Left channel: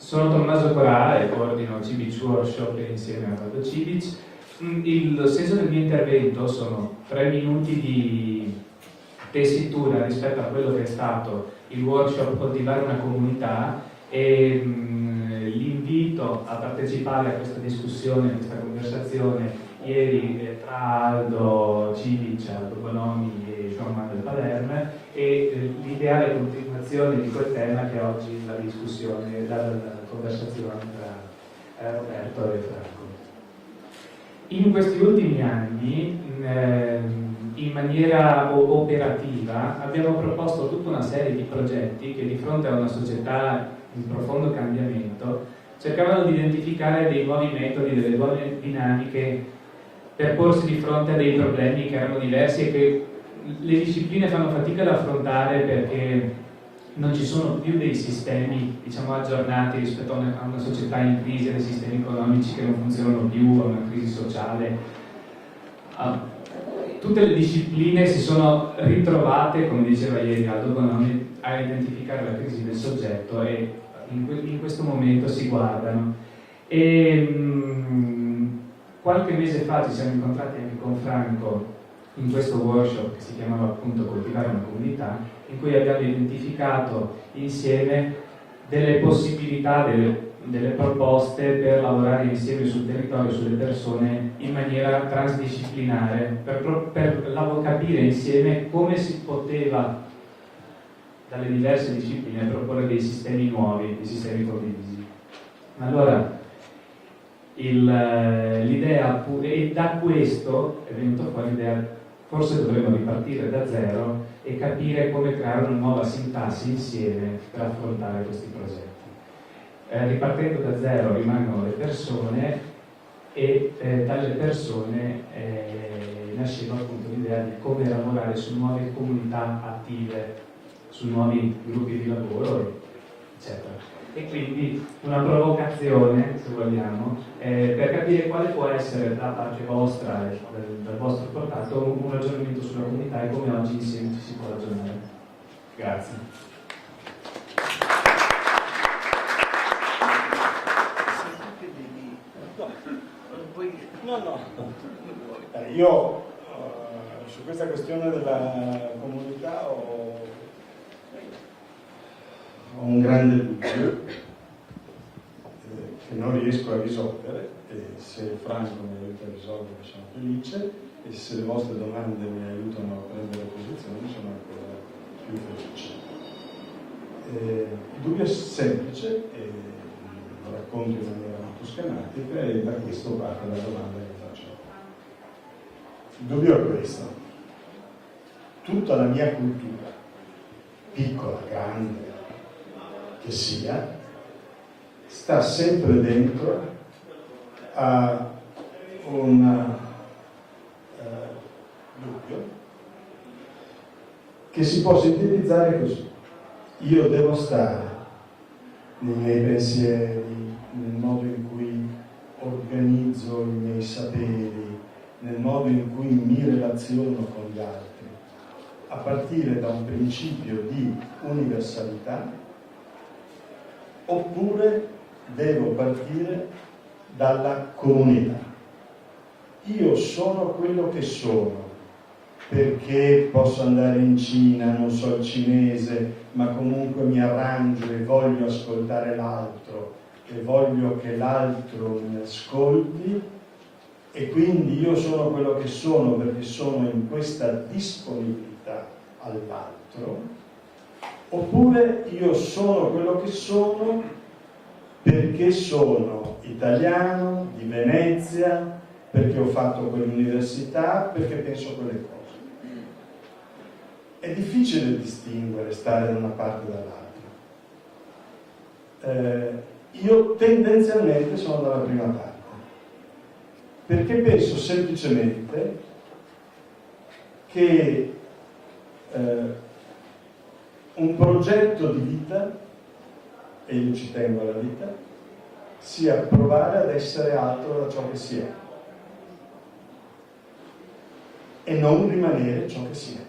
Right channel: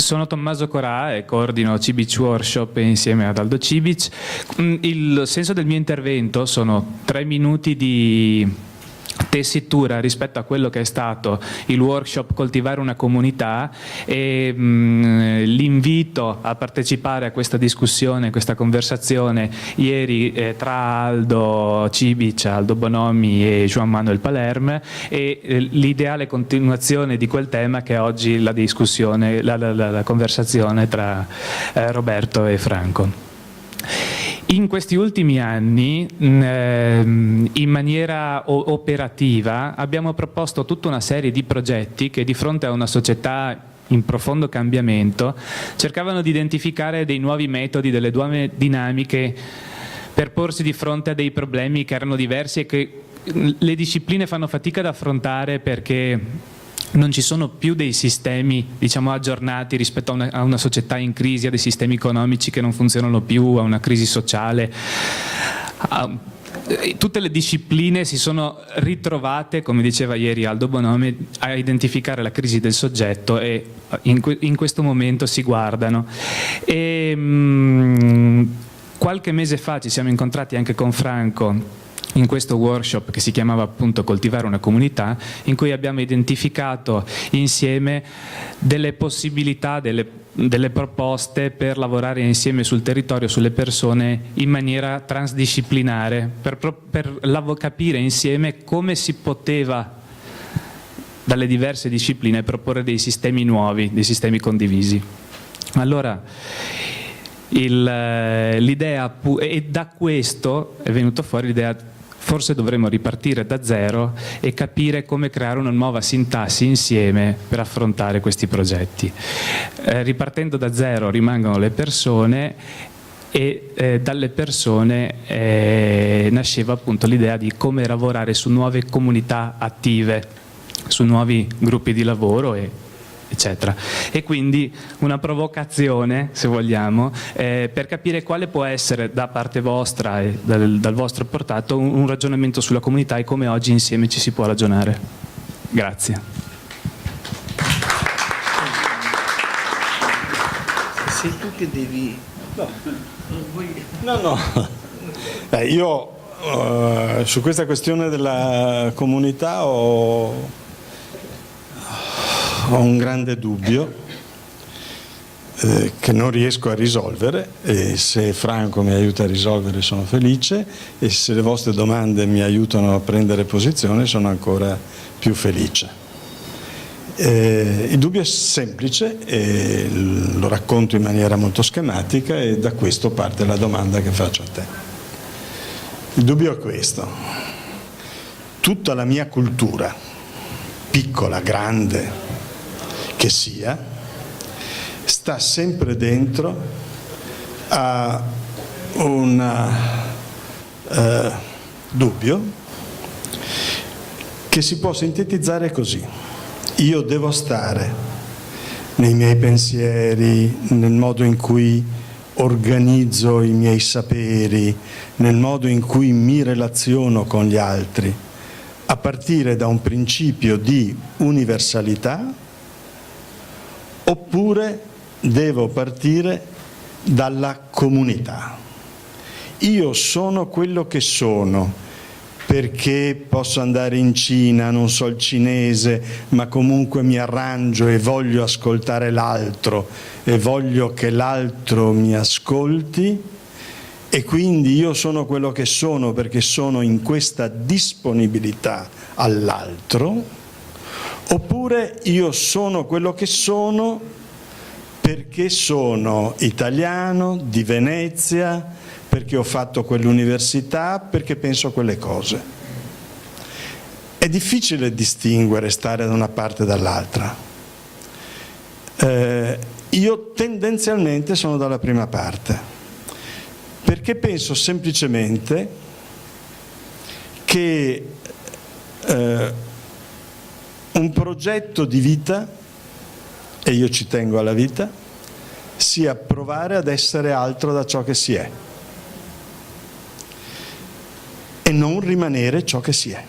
Sono Tommaso Corà e coordino Cibic Workshop insieme ad Aldo Cibic. Il senso del mio intervento sono 3 minuti di tessitura rispetto a quello che è stato il workshop Coltivare una comunità e l'invito a partecipare a questa discussione, questa conversazione ieri tra Aldo Cibic, Aldo Bonomi e Juan Manuel Palerme e l'ideale continuazione di quel tema che è oggi la discussione, la conversazione tra Roberto e Franco. In questi ultimi anni, in maniera operativa, abbiamo proposto tutta una serie di progetti che di fronte a una società in profondo cambiamento cercavano di identificare dei nuovi metodi, delle nuove dinamiche per porsi di fronte a dei problemi che erano diversi e che le discipline fanno fatica ad affrontare perché non ci sono più dei sistemi, diciamo, aggiornati rispetto a una società in crisi, a dei sistemi economici che non funzionano più, a una crisi sociale. Tutte le discipline si sono ritrovate, come diceva ieri Aldo Bonomi, a identificare la crisi del soggetto e in questo momento si guardano. Qualche mese fa ci siamo incontrati anche con Franco in questo workshop che si chiamava appunto Coltivare una comunità, in cui abbiamo identificato insieme delle possibilità, delle proposte per lavorare insieme sul territorio, sulle persone in maniera transdisciplinare, per capire insieme come si poteva dalle diverse discipline proporre dei sistemi nuovi, dei sistemi condivisi. Allora, l'idea, e da questo è venuto fuori l'idea, forse dovremmo ripartire da zero e capire come creare una nuova sintassi insieme per affrontare questi progetti. Ripartendo da zero rimangono le persone e dalle persone nasceva appunto l'idea di come lavorare su nuove comunità attive, su nuovi gruppi di lavoro eccetera. E quindi una provocazione, se vogliamo, per capire quale può essere da parte vostra e dal vostro portato un ragionamento sulla comunità e come oggi insieme ci si può ragionare. Grazie. Sei tu che devi... No. Io su questa questione della comunità ho un grande dubbio che non riesco a risolvere, e se Franco mi aiuta a risolvere sono felice, e se le vostre domande mi aiutano a prendere posizione sono ancora più felice. Il dubbio è semplice e lo racconto in maniera molto schematica, e da questo parte la domanda che faccio a te. Il dubbio è questo: tutta la mia cultura, piccola, grande che sia, sta sempre dentro a un dubbio che si può sintetizzare così: io devo stare nei miei pensieri, nel modo in cui organizzo i miei saperi, nel modo in cui mi relaziono con gli altri, a partire da un principio di universalità, oppure devo partire dalla comunità. Io sono quello che sono perché posso andare in Cina, non so il cinese, ma comunque mi arrangio e voglio ascoltare l'altro e voglio che l'altro mi ascolti, e quindi io sono quello che sono perché sono in questa disponibilità all'altro. Oppure io sono quello che sono perché sono italiano, di Venezia, perché ho fatto quell'università, perché penso quelle cose. È difficile distinguere, stare da una parte e dall'altra. Io tendenzialmente sono dalla prima parte, perché penso semplicemente che un progetto di vita, e io ci tengo alla vita, sia provare ad essere altro da ciò che si è e non rimanere ciò che si è.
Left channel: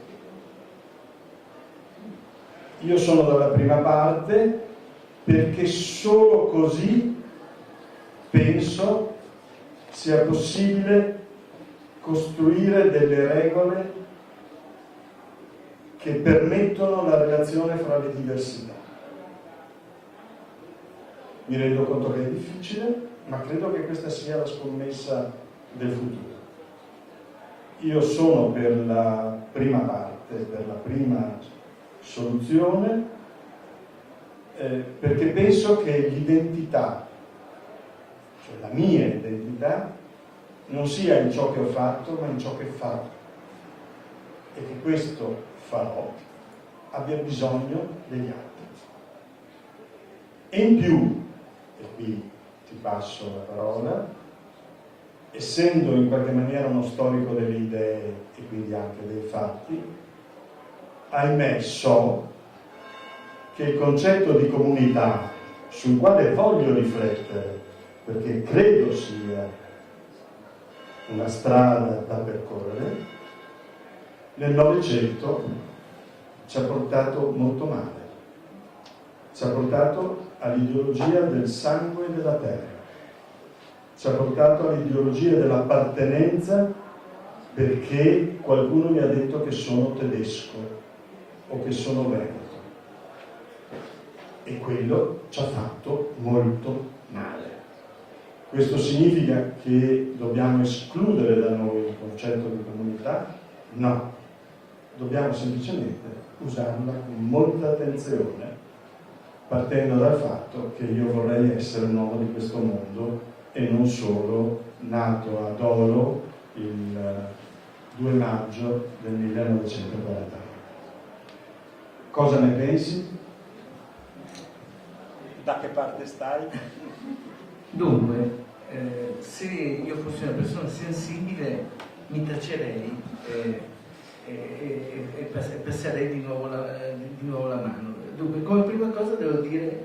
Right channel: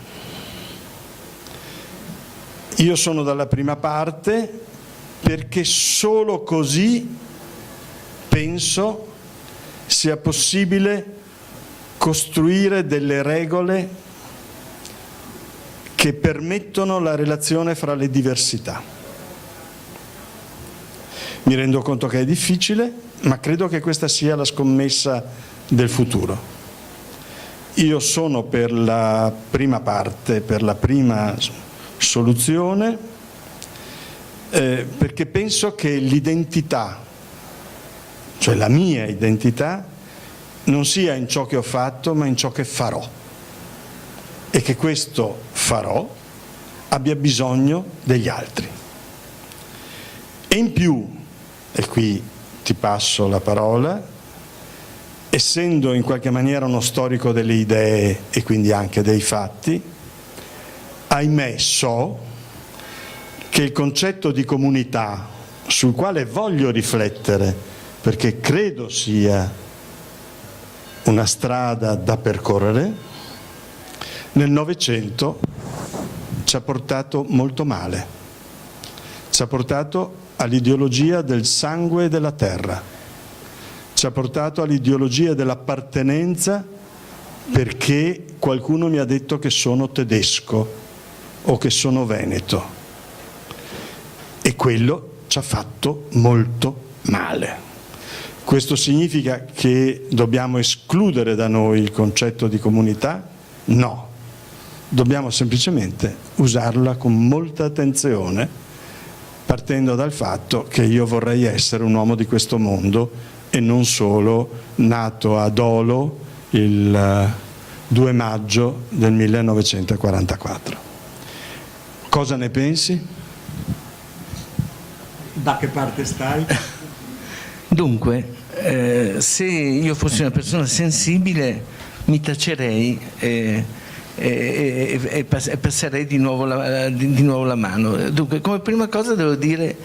Io sono dalla prima parte perché solo così penso sia possibile costruire delle regole che permettono la relazione fra le diversità. Mi rendo conto che è difficile, ma credo che questa sia la scommessa del futuro. Io sono per la prima parte, per la prima soluzione, perché penso che l'identità, cioè la mia identità, non sia in ciò che ho fatto, ma in ciò che farò. E che questo farò abbia bisogno degli altri. E in più, e qui ti passo la parola, essendo in qualche maniera uno storico delle idee e quindi anche dei fatti, ahimè so che il concetto di comunità, sul quale voglio riflettere, perché credo sia una strada da percorrere, nel Novecento ci ha portato molto male. Ci ha portato all'ideologia del sangue e della terra. Ci ha portato all'ideologia dell'appartenenza perché qualcuno mi ha detto che sono tedesco o che sono veneto. E quello ci ha fatto molto male. Questo significa che dobbiamo escludere da noi il concetto di comunità? No. Dobbiamo semplicemente usarla con molta attenzione, partendo dal fatto che io vorrei essere un uomo di questo mondo e non solo nato a Dolo il 2 maggio del 1944. Cosa ne pensi? Da che parte stai? Dunque, se io fossi una persona sensibile mi tacerei e passerei di nuovo la mano. Dunque, come prima cosa devo dire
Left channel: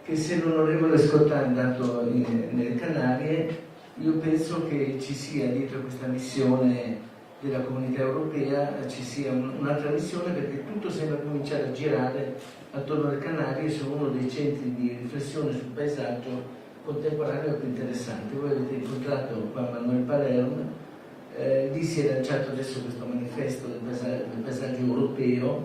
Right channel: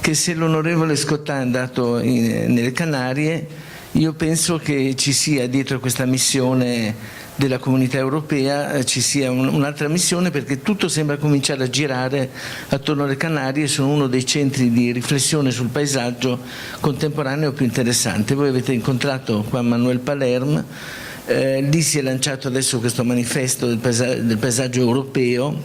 che se l'onorevole Scottà è andato nelle Canarie, io penso che ci sia dietro questa missione della Comunità Europea ci sia un'altra missione, perché tutto sembra cominciare a girare attorno alle Canarie. Sono uno dei centri di riflessione sul paesaggio contemporaneo più interessante. Voi avete incontrato Juan Manuel Palermo. Lì si è lanciato adesso questo manifesto del paesaggio europeo,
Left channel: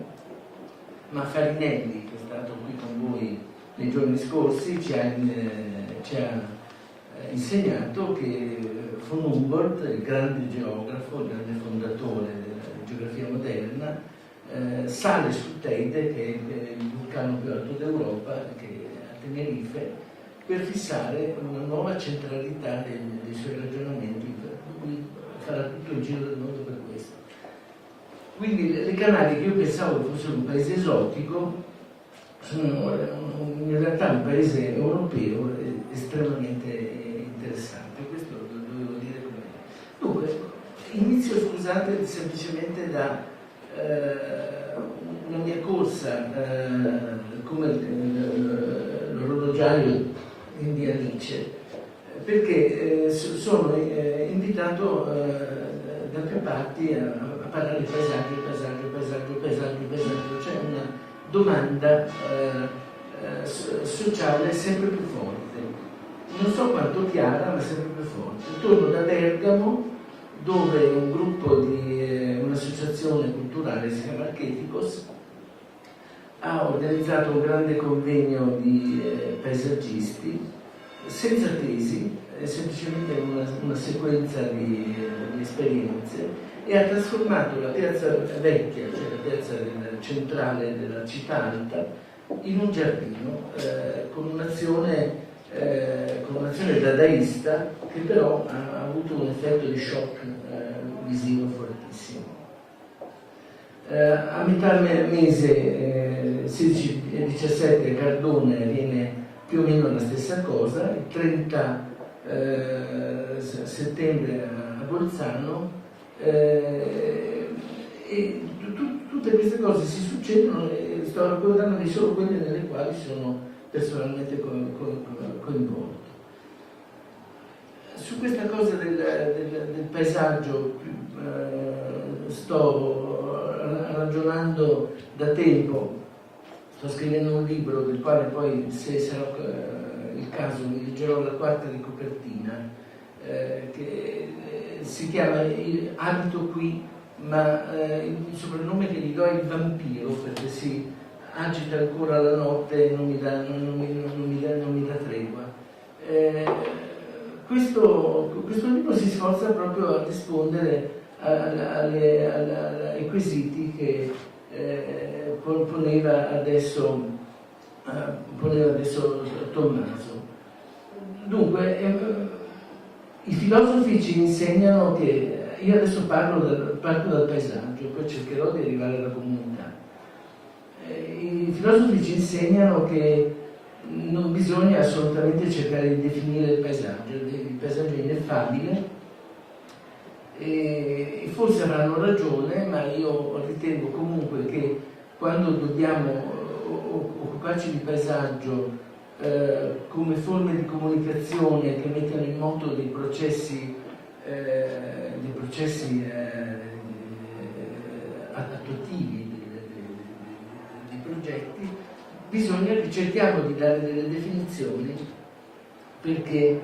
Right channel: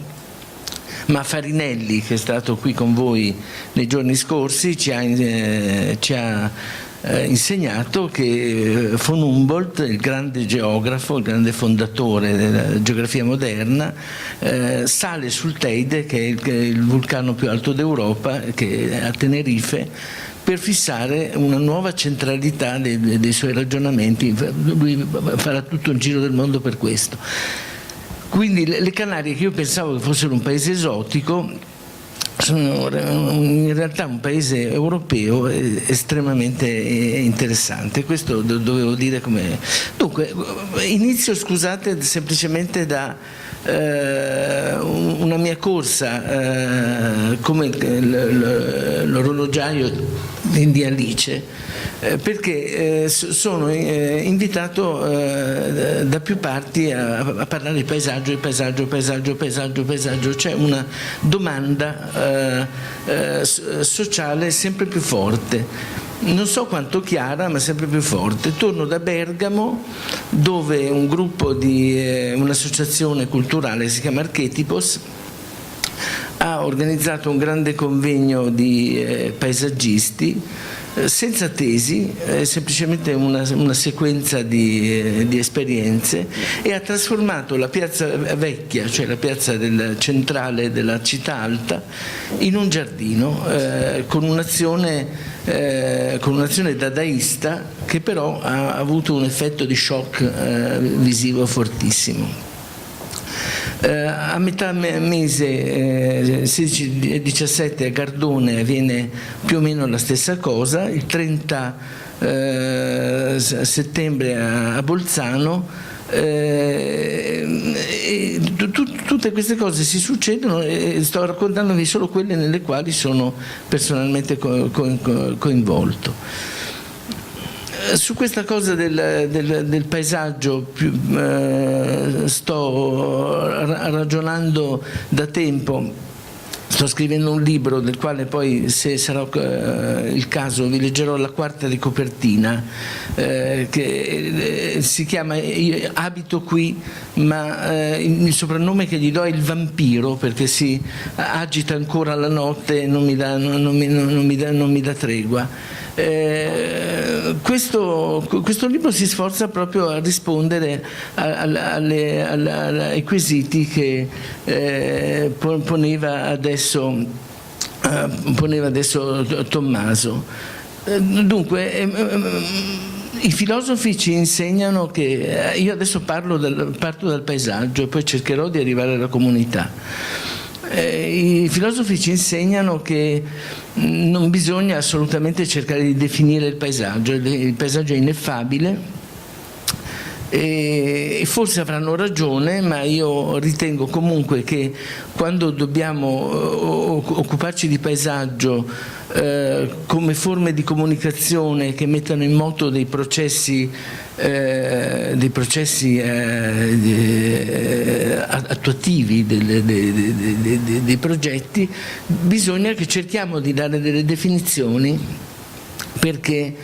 ma Farinelli, che è stato qui con voi nei giorni scorsi, ci ha insegnato che von Humboldt, il grande geografo, il grande fondatore della geografia moderna, sale sul Teide, che è il vulcano più alto d'Europa, che è a Tenerife, per fissare una nuova centralità dei suoi ragionamenti. Lui farà tutto il giro del mondo per questo. Quindi le Canarie, che io pensavo che fossero un paese esotico, sono in realtà un paese europeo estremamente interessante. Questo dovevo dire come... Dunque, inizio, scusate, semplicemente da una mia corsa come l'orologiaio di Alice, perché sono invitato da più parti a parlare di paesaggio, paesaggio. C'è una domanda sociale sempre più forte. Non so quanto chiara, ma sempre più forte. Torno da Bergamo, dove un gruppo di un'associazione culturale, si chiama Archetipos, ha organizzato un grande convegno di paesaggisti, senza tesi, semplicemente una sequenza di esperienze, e ha trasformato la piazza vecchia, cioè la piazza centrale della città alta, in un giardino con un'azione dadaista che però ha avuto un effetto di shock visivo fortissimo. A metà mese 16-17 a Gardone avviene più o meno la stessa cosa, il 30 settembre a Bolzano, e tutte queste cose si succedono, e sto raccontandovi solo quelle nelle quali sono personalmente coinvolto. Su questa cosa del paesaggio sto ragionando da tempo, Sto scrivendo un libro del quale poi, se sarà il caso, vi leggerò la quarta di copertina, che si chiama Io abito qui, ma il soprannome che gli do è il vampiro, perché si agita ancora la notte e non mi dà tregua. Questo libro si sforza proprio a rispondere ai quesiti che poneva adesso Tommaso. Dunque, i filosofi ci insegnano che, io adesso parto dal paesaggio e poi cercherò di arrivare alla comunità. I filosofi ci insegnano che non bisogna assolutamente cercare di definire il paesaggio è ineffabile, e forse avranno ragione, ma io ritengo comunque che quando dobbiamo occuparci di paesaggio come forme di comunicazione che mettano in moto dei processi attuativi dei progetti, bisogna che cerchiamo di dare delle definizioni, perché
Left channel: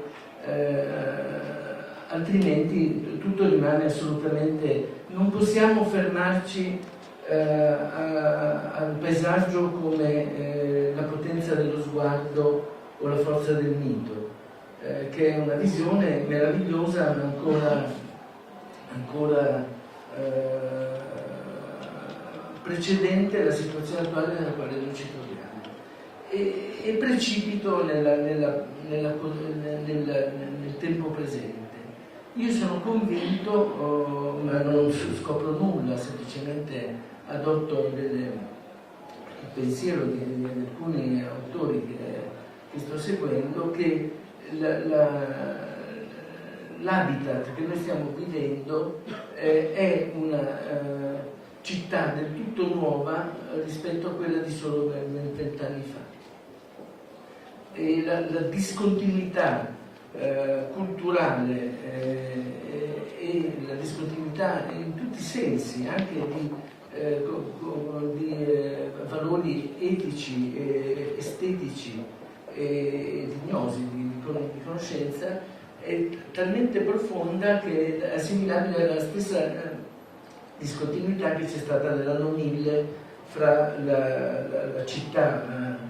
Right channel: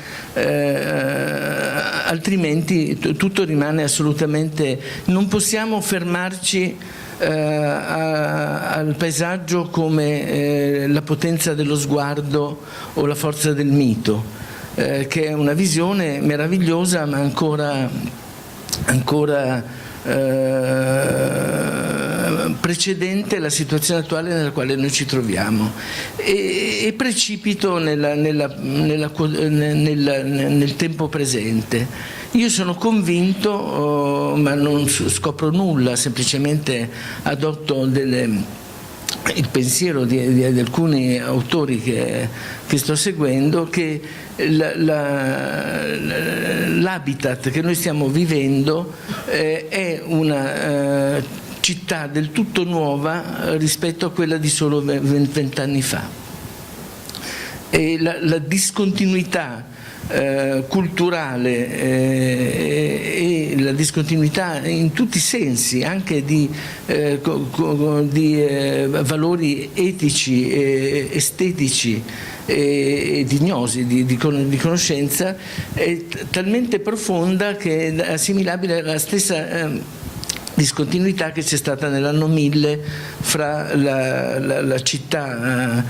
altrimenti tutto rimane assolutamente... Non possiamo fermarci al paesaggio come la potenza dello sguardo o la forza del mito, che è una visione meravigliosa, ma ancora precedente alla situazione attuale nella quale noi ci troviamo, e precipito nel tempo presente. Io sono convinto, ma non scopro nulla, semplicemente adotto il pensiero di alcuni autori che sto seguendo, che l'habitat che noi stiamo vivendo è una città del tutto nuova rispetto a quella di solo 20 anni fa, e la discontinuità culturale e la discontinuità in tutti i sensi, anche di valori etici, estetici e di gnosi, di conoscenza, è talmente profonda che è assimilabile alla stessa discontinuità che c'è stata nell'anno 1000 fra la città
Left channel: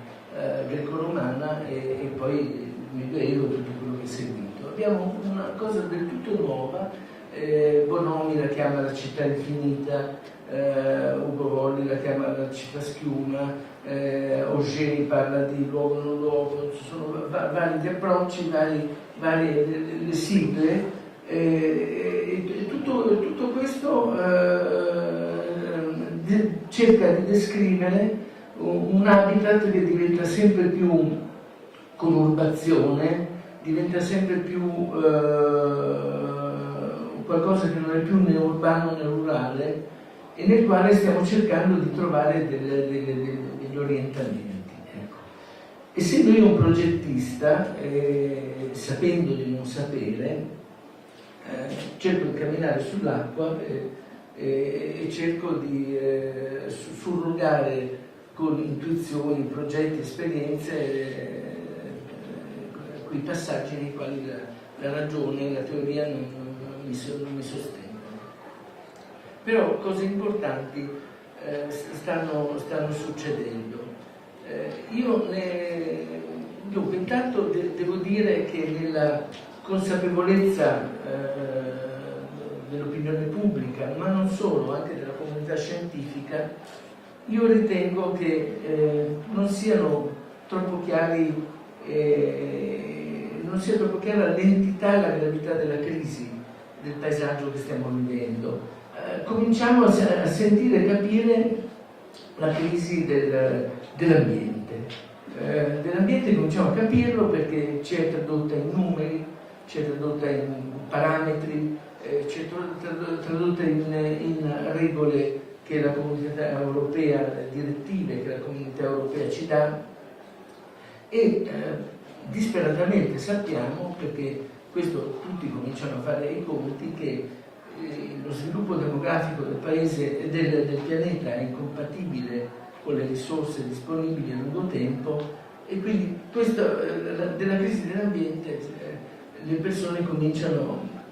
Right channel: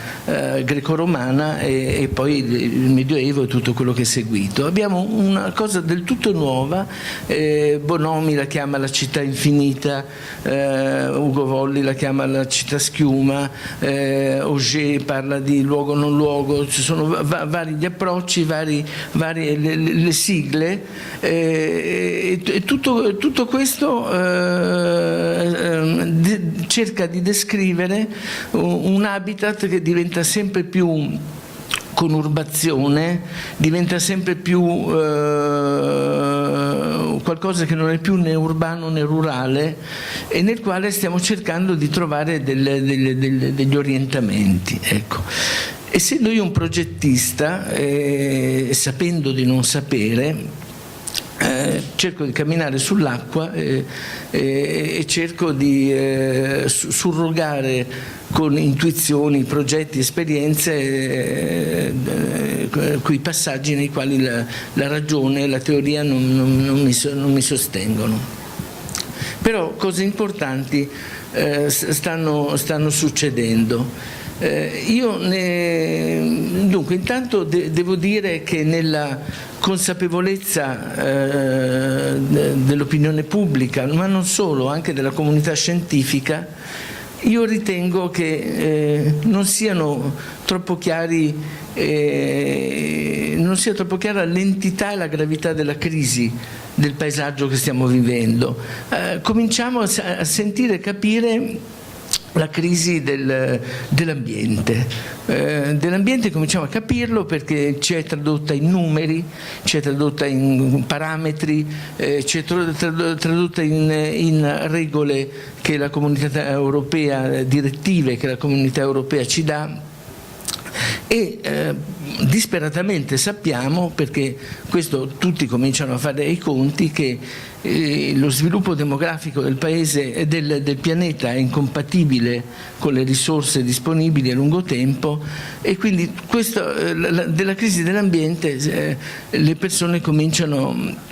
greco-romana e poi il Medioevo e tutto quello che è seguito. Abbiamo una cosa del tutto nuova, Bonomi la chiama la città infinita, Ugo Volli la chiama la città schiuma, Auger parla di luogo non luogo, ci sono vari gli approcci, varie le sigle, e tutto questo cerca di descrivere un habitat che diventa sempre più conurbazione, diventa sempre più qualcosa che non è più né urbano né rurale, e nel quale stiamo cercando di trovare degli orientamenti. Ecco. Essendo io un progettista, sapendo di non sapere, cerco di camminare sull'acqua e cerco di surrogare con intuizioni, progetti, esperienze quei passaggi nei quali la ragione e la teoria non mi sostengono. Però cose importanti stanno succedendo. Dunque, intanto devo dire che nella consapevolezza dell'opinione pubblica, ma non solo, anche della comunità scientifica, io ritengo che non sia troppo chiara l'entità e la gravità della crisi del paesaggio che stiamo vivendo. Cominciamo a sentire e capire la crisi dell'ambiente. Dell'ambiente cominciamo a capirlo perché ci è tradotta in numeri, ci è tradotta in parametri, ci è tradotta in regole che la comunità europea, direttive che la comunità europea ci dà, e disperatamente sappiamo, perché questo tutti cominciano a fare i conti, che lo sviluppo demografico del paese e del pianeta è incompatibile con le risorse disponibili a lungo tempo, e quindi della crisi dell'ambiente le persone cominciano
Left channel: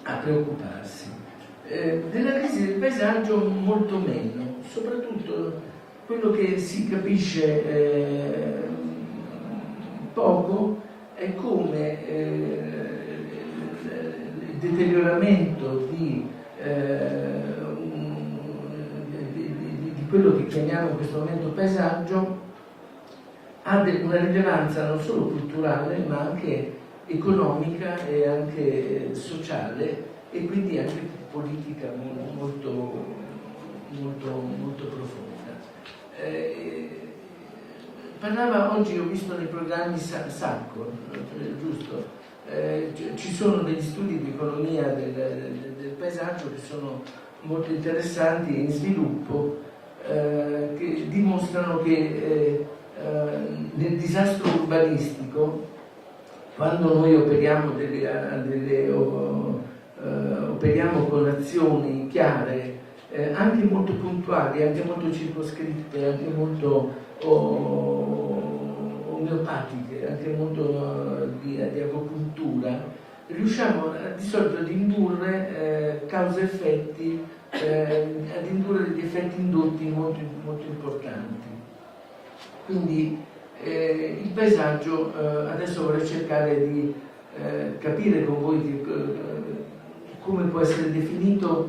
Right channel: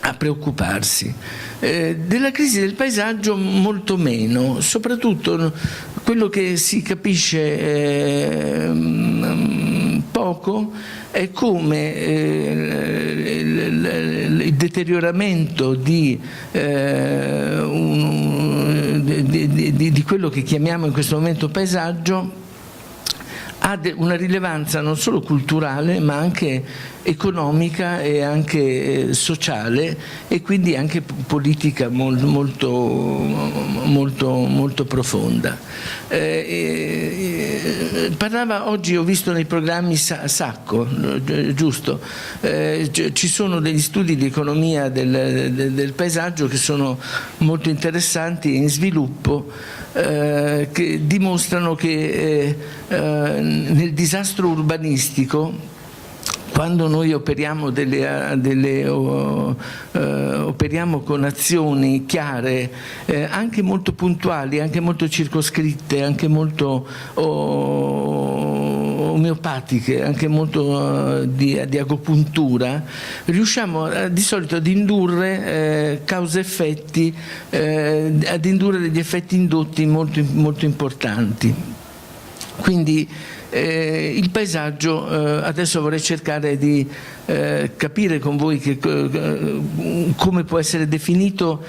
a preoccuparsi. Della crisi del paesaggio molto meno, soprattutto quello che si capisce poco è come il deterioramento di quello che chiamiamo in questo momento paesaggio ha una rilevanza non solo culturale ma anche economica e anche sociale, e quindi anche politica molto profonda. Parlava oggi, ho visto nei programmi Sacco, giusto? Ci sono degli studi di economia del paesaggio che sono molto interessanti, in sviluppo, che dimostrano che nel disastro urbanistico, quando noi operiamo operiamo con azioni chiare, anche molto puntuali, anche molto circoscritte, anche molto omeopatiche, anche molto di agopuntura, riusciamo di solito ad indurre causa-effetti, ad indurre degli effetti indotti molto importanti. Quindi il paesaggio, adesso vorrei cercare di capire con voi come può essere definito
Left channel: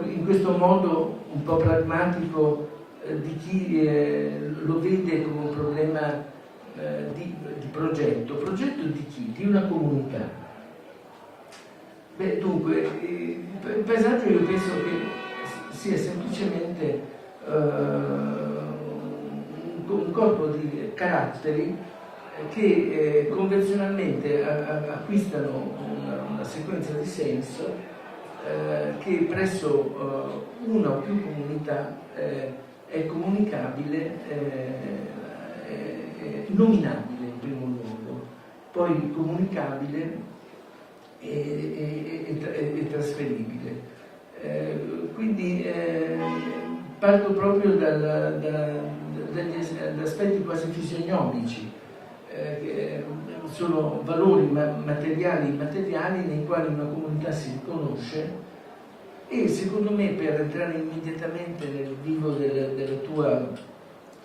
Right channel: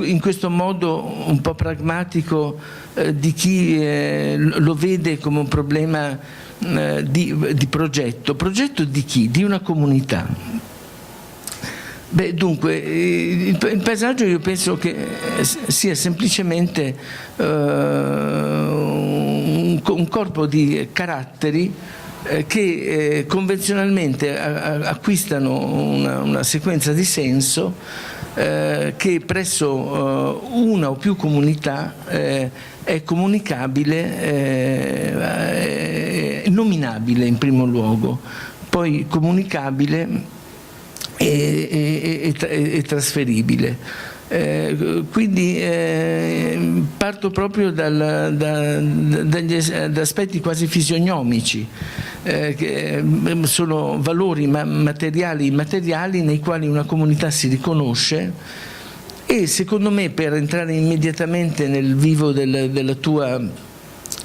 in questo modo un po' pragmatico di chi lo vede come un problema di progetto. Progetto di chi? Di una comunità. Beh, dunque, il paesaggio io penso che sia semplicemente un corpo di caratteri che convenzionalmente acquistano una sequenza di senso che presso una o più comunità è comunicabile, nominabile in primo luogo, poi comunicabile e trasferibile. Quindi parto proprio dagli aspetti quasi fisionomici, che sono valori materiali e immateriali nei quali una comunità si riconosce, e secondo me, per entrare immediatamente nel vivo della tua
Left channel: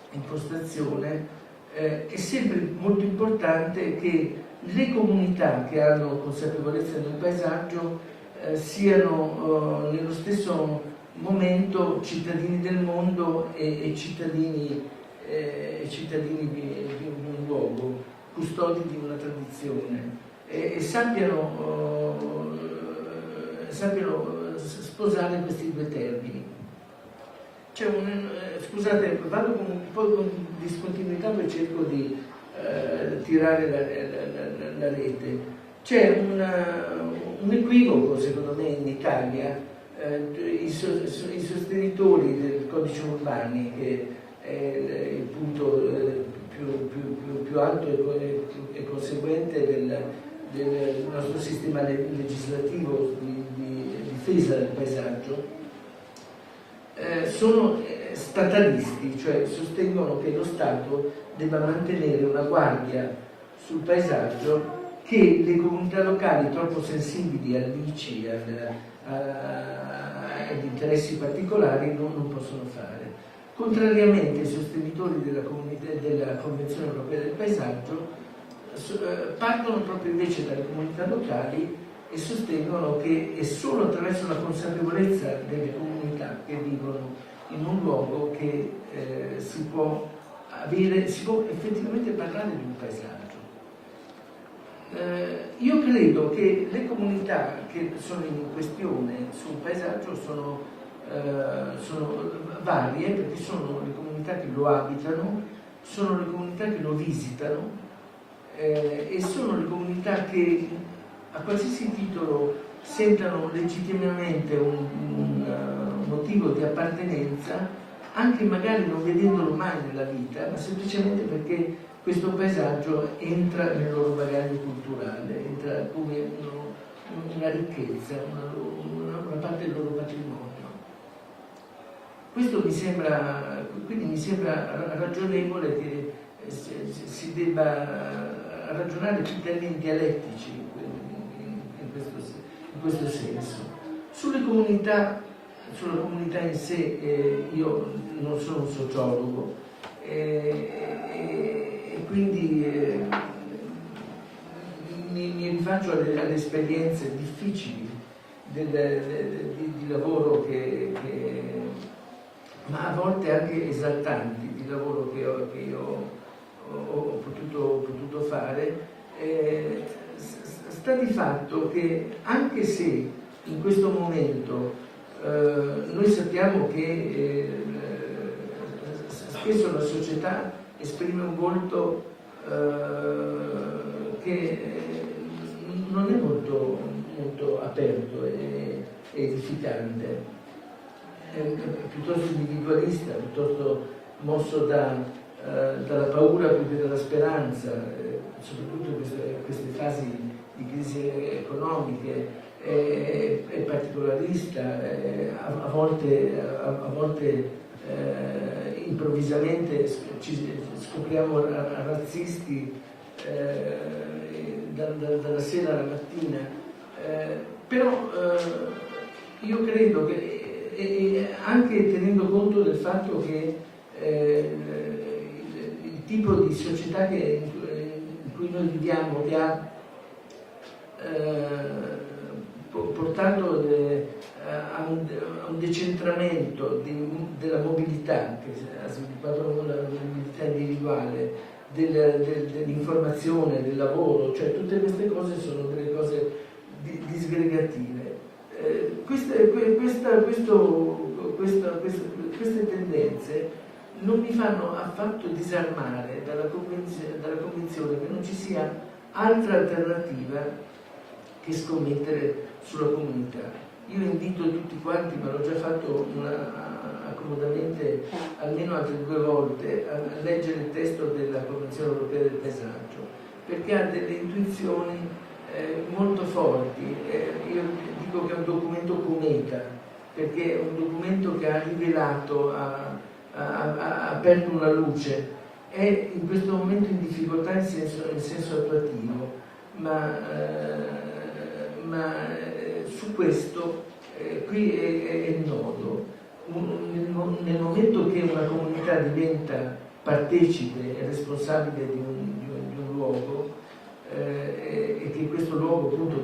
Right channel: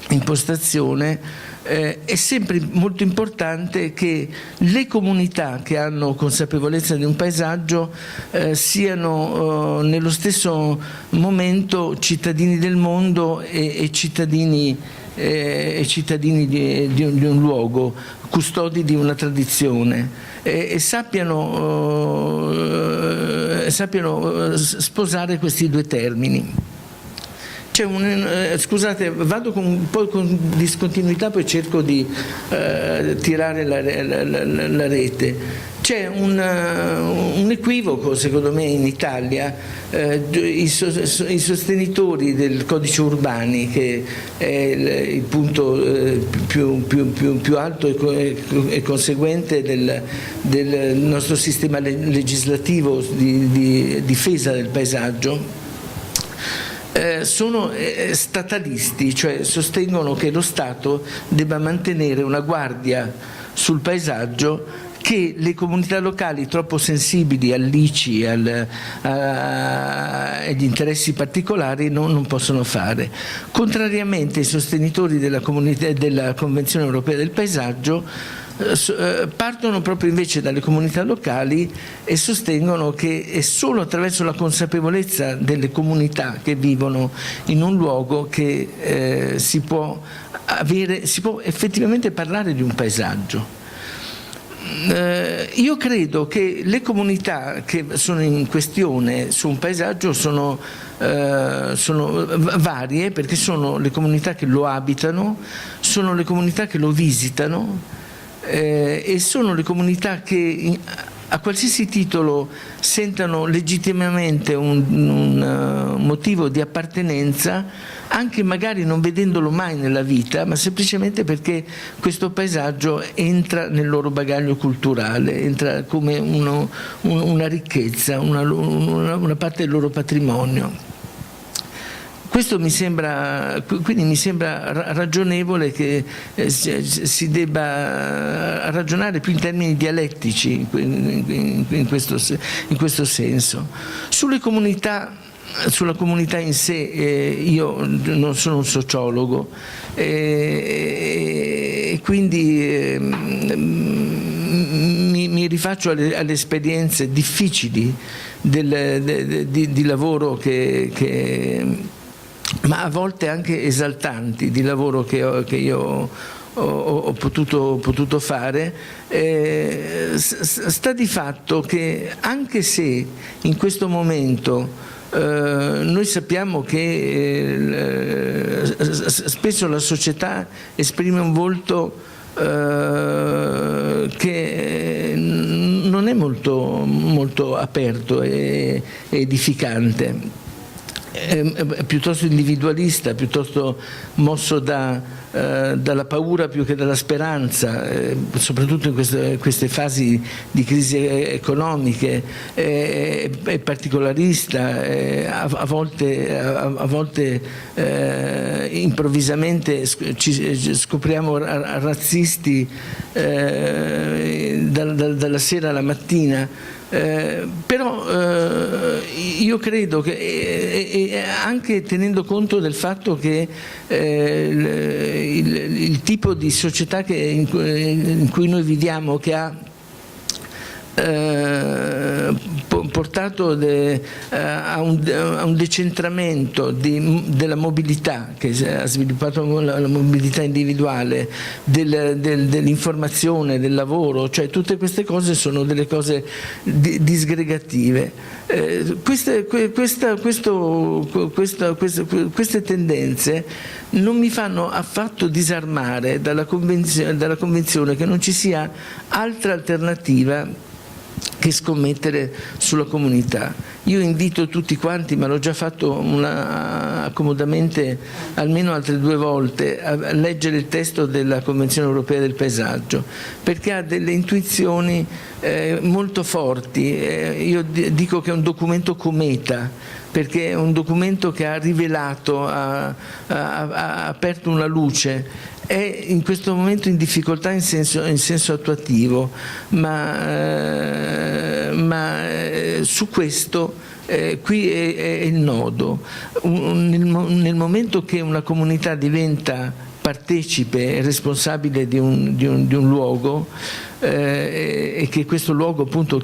impostazione, è sempre molto importante che le comunità che hanno consapevolezza di un paesaggio siano nello stesso momento cittadini del mondo e cittadini di un luogo, custodi di una tradizione, e sappiano sposare questi due termini. Scusate, vado un po' con discontinuità, poi cerco di tirare la rete. C'è un equivoco, secondo me, in Italia. I sostenitori del codice Urbani, che è il punto più alto e conseguente del nostro sistema legislativo di difesa del paesaggio, sono statalisti, cioè sostengono che lo Stato debba mantenere una guardia sul paesaggio che le comunità locali troppo sensibili all'ICI e agli interessi particolari non possono fare. Contrariamente ai sostenitori della Convenzione Europea del Paesaggio, partono proprio invece dalle comunità locali e sostengono che è solo attraverso la consapevolezza delle comunità che vivono in un luogo che si può effettivamente parlare di un paesaggio. Io credo che le comunità che sono in questione su un paesaggio sono varie, perché sono le comunità che lo abitano, sono le comunità che lo visitano, e sono le comunità che a qualsiasi titolo sentano legittimamente un motivo di appartenenza anche magari non vedendolo mai nella vita, ma semplicemente perché questo paesaggio entra nel loro bagaglio culturale, entra come una ricchezza, una parte del loro patrimonio. Questo quindi mi sembra ragionevole che si debba ragionare più in termini dialettici in questo senso. Sulla comunità in sé, io non sono un sociologo e quindi mi rifaccio alle esperienze difficili di lavoro ma a volte anche esaltanti, di lavoro che io ho potuto fare. Sta di fatto che anche se in questo momento noi sappiamo che spesso la società esprime un volto che non è molto aperto e edificante, è piuttosto individualista, piuttosto mosso dalla paura più che dalla speranza, soprattutto in queste fasi di crisi economiche, è particolarista, a volte improvvisamente ci scopriamo razzisti dalla sera alla mattina. Però io credo che anche tenendo conto del fatto che il tipo di società in cui noi viviamo, che ha portato a un decentramento della mobilità, che ha sviluppato la mobilità individuale, dell'informazione, del lavoro, cioè tutte queste cose sono delle cose disgregative. Queste tendenze non mi fanno affatto disarmare dalla convinzione che non ci sia altra alternativa che scommettere sulla comunità. Io invito tutti quanti, ma l'ho già fatto accomodamente almeno altre 2 volte, a leggere il testo della Convenzione Europea del Paesaggio, perché ha delle intuizioni molto forti. Io dico che è un documento cometa, perché è un documento che ha rivelato, ha aperto una luce. È in questo momento in difficoltà in senso attuativo, ma su questo qui è il nodo. Nel momento che una comunità diventa partecipe e responsabile di un luogo, e che questo luogo appunto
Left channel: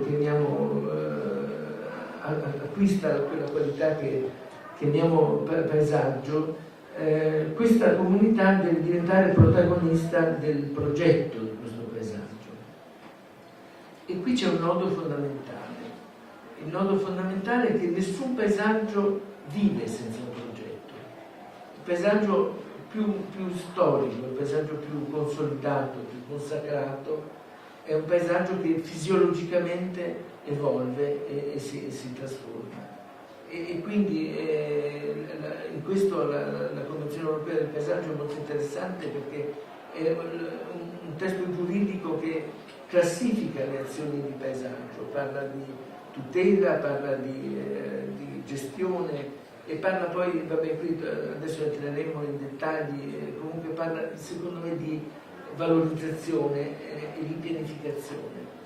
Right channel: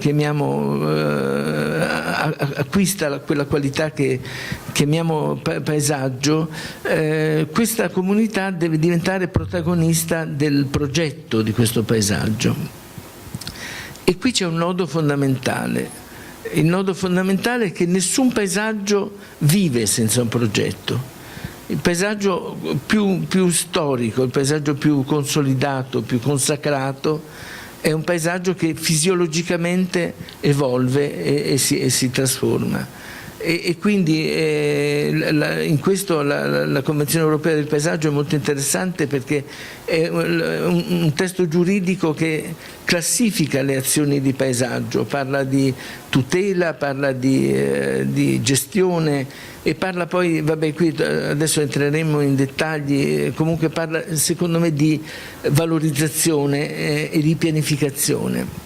acquista quella qualità che chiamiamo paesaggio, questa comunità deve diventare protagonista del progetto di questo paesaggio. E qui c'è un nodo fondamentale. Il nodo fondamentale è che nessun paesaggio vive senza un progetto. Il paesaggio più storico, il paesaggio più consolidato, più consacrato, è un paesaggio che fisiologicamente evolve e si trasforma. E quindi in questo la Convenzione Europea del Paesaggio è molto interessante, perché è un testo giuridico che classifica le azioni di paesaggio, parla di tutela, parla di gestione e parla poi, vabbè, qui adesso entreremo in dettagli, comunque parla secondo me di valorizzazione e di pianificazione.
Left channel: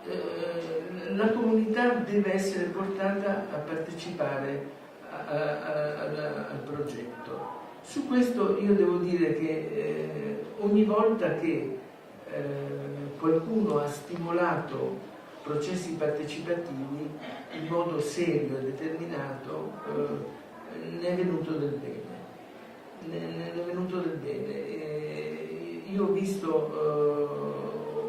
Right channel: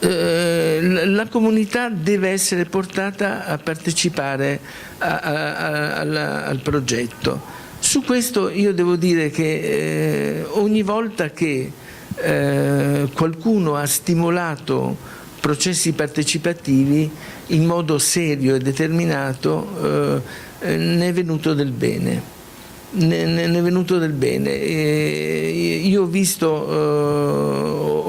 La comunità deve essere portata a partecipare al progetto. Su questo io devo dire che ogni volta che qualcuno ha stimolato processi partecipativi in modo serio e determinato, ne è venuto del bene. Ne è venuto del bene. Io ho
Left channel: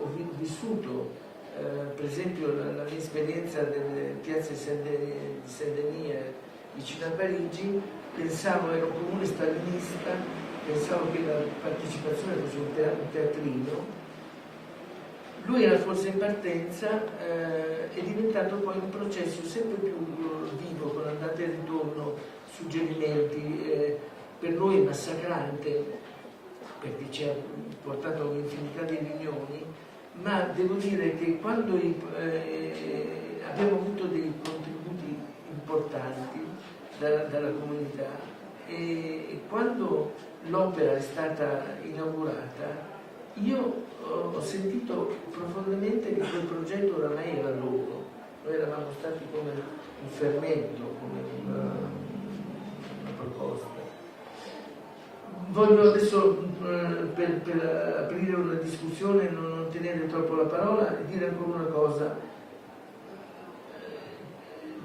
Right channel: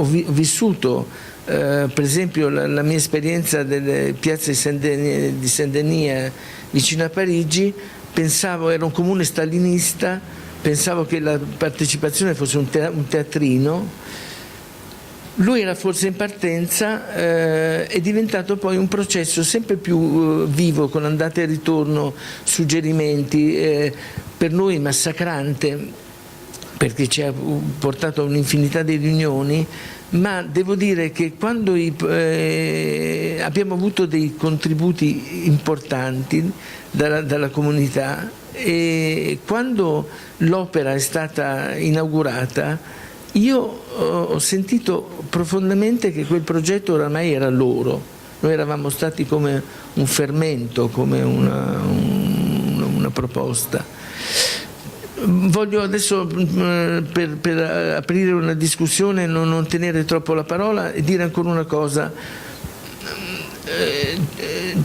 vissuto per esempio la mia esperienza delle piazze di Saint-Denis vicino a Parigi. Ero un comune stalinista, pensavo che la partecipazione fosse un teatrino, Lui era forse in partenza, è diventato poi un processo sempre più vivo, con andate e ritorno, suggerimenti, per noi massacrante, perché ci ha portato a un'infinità di riunioni, ma devo dire che quando abbiamo avuto dei contributi importanti dalla comunità, e quando l'opera è stata inaugurata, io ho sentito profondamente che quel progetto oramai era loro. Noi eravamo stati come un fermento, come una proposta. Voglio adesso, per aprire una discussione, non tenere troppo la parola e dire ancora una cosa.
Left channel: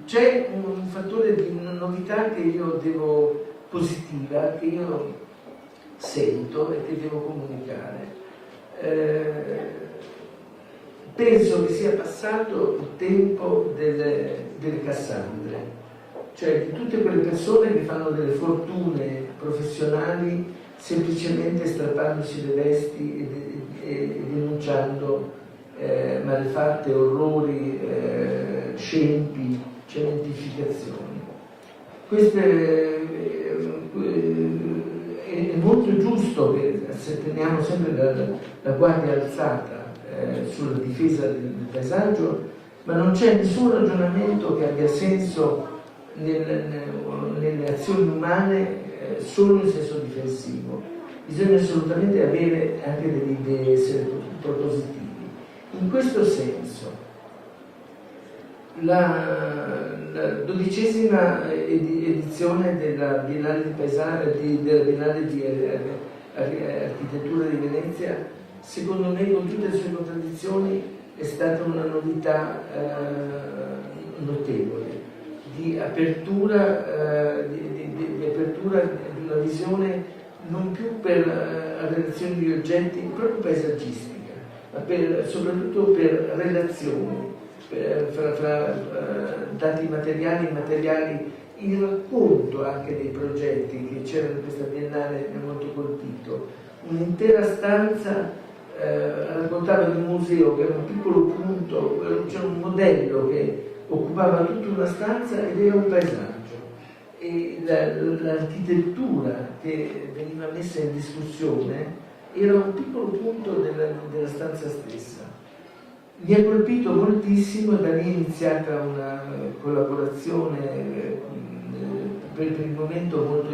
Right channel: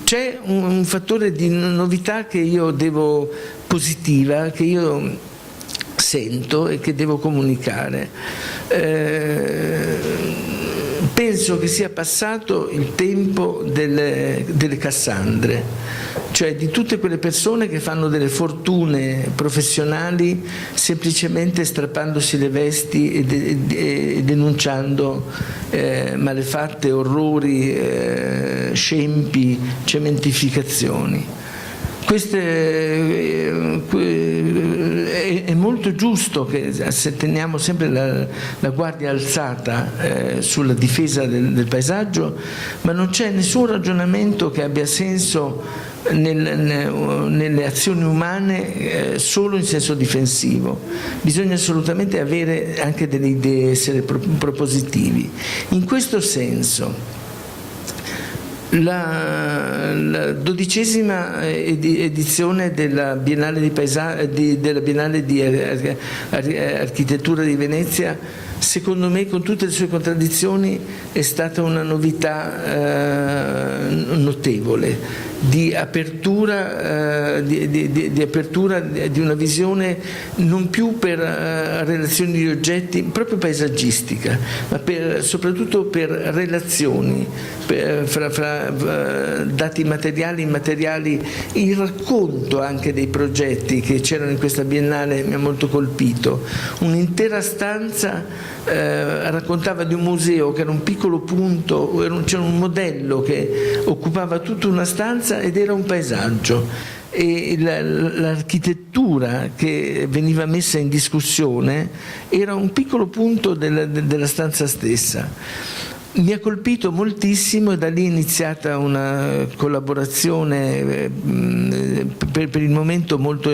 C'è un fattore di novità che io positiva, che io sento e che devo comunicare. Penso che sia passato il tempo delle Cassandre, cioè di tutte quelle persone che fanno delle fortune professionali semplicemente strappandosi le vesti e denunciando malefatte, orrori, scempi, cementificazioni. È molto giusto che se teniamo sempre la guardia alzata sulla difesa del paesaggio, ma non c'è nessun ragionamento che abbia senso nelle azioni umane solo in senso difensivo. Bisogna assolutamente avere anche delle idee, essere propositivi. In questo senso la 12ª edizione della Biennale di Architettura di Venezia, secondo me, con tutte le sue contraddizioni, è stata una novità notevole di apertura di una visione non più per relazioni di oggetti, proprio paesaggistica, ma soprattutto per relazioni fra dati materiali e immateriali. Il racconto anche dei progetti che c'erano in questa Biennale mi ha molto colpito. Un'intera stanza raccontava di un museo che era un piccolo punto, c'era un modello che occupava tutta una stanza ed era un paesaggio, e l'architettura che veniva messa in discussione era un piccolo punto della stanza stessa. Mi ha colpito moltissimo e da lì è iniziata una collaborazione per il momento molto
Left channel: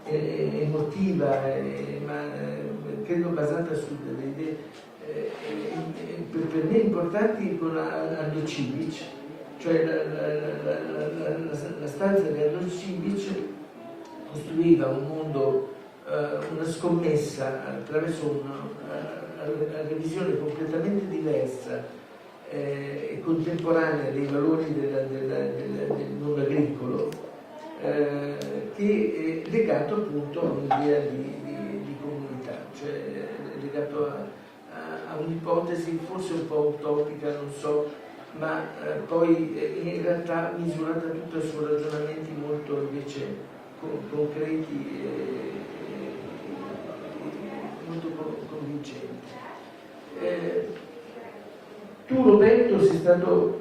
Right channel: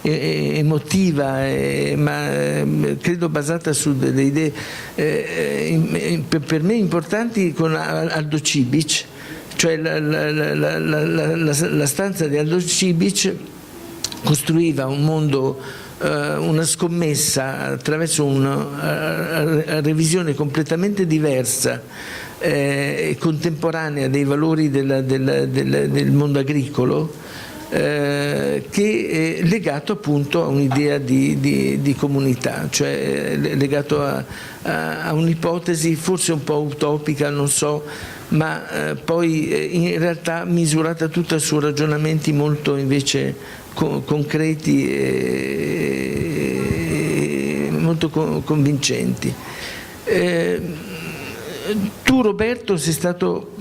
emotiva, ma credo basata su delle idee per me importanti, con Aldo Cibic, cioè la stanza di Aldo Cibic costruiva un mondo, una scommessa attraverso una revisione completamente diversa e contemporanea dei valori del mondo agricolo, che è legato appunto a un'idea di comunità, cioè legato a un'ipotesi forse un po' utopica, non so, ma poi in realtà misurata tutta su ragionamenti molto invece concreti e molto convincenti. Tu, Roberto, sei stato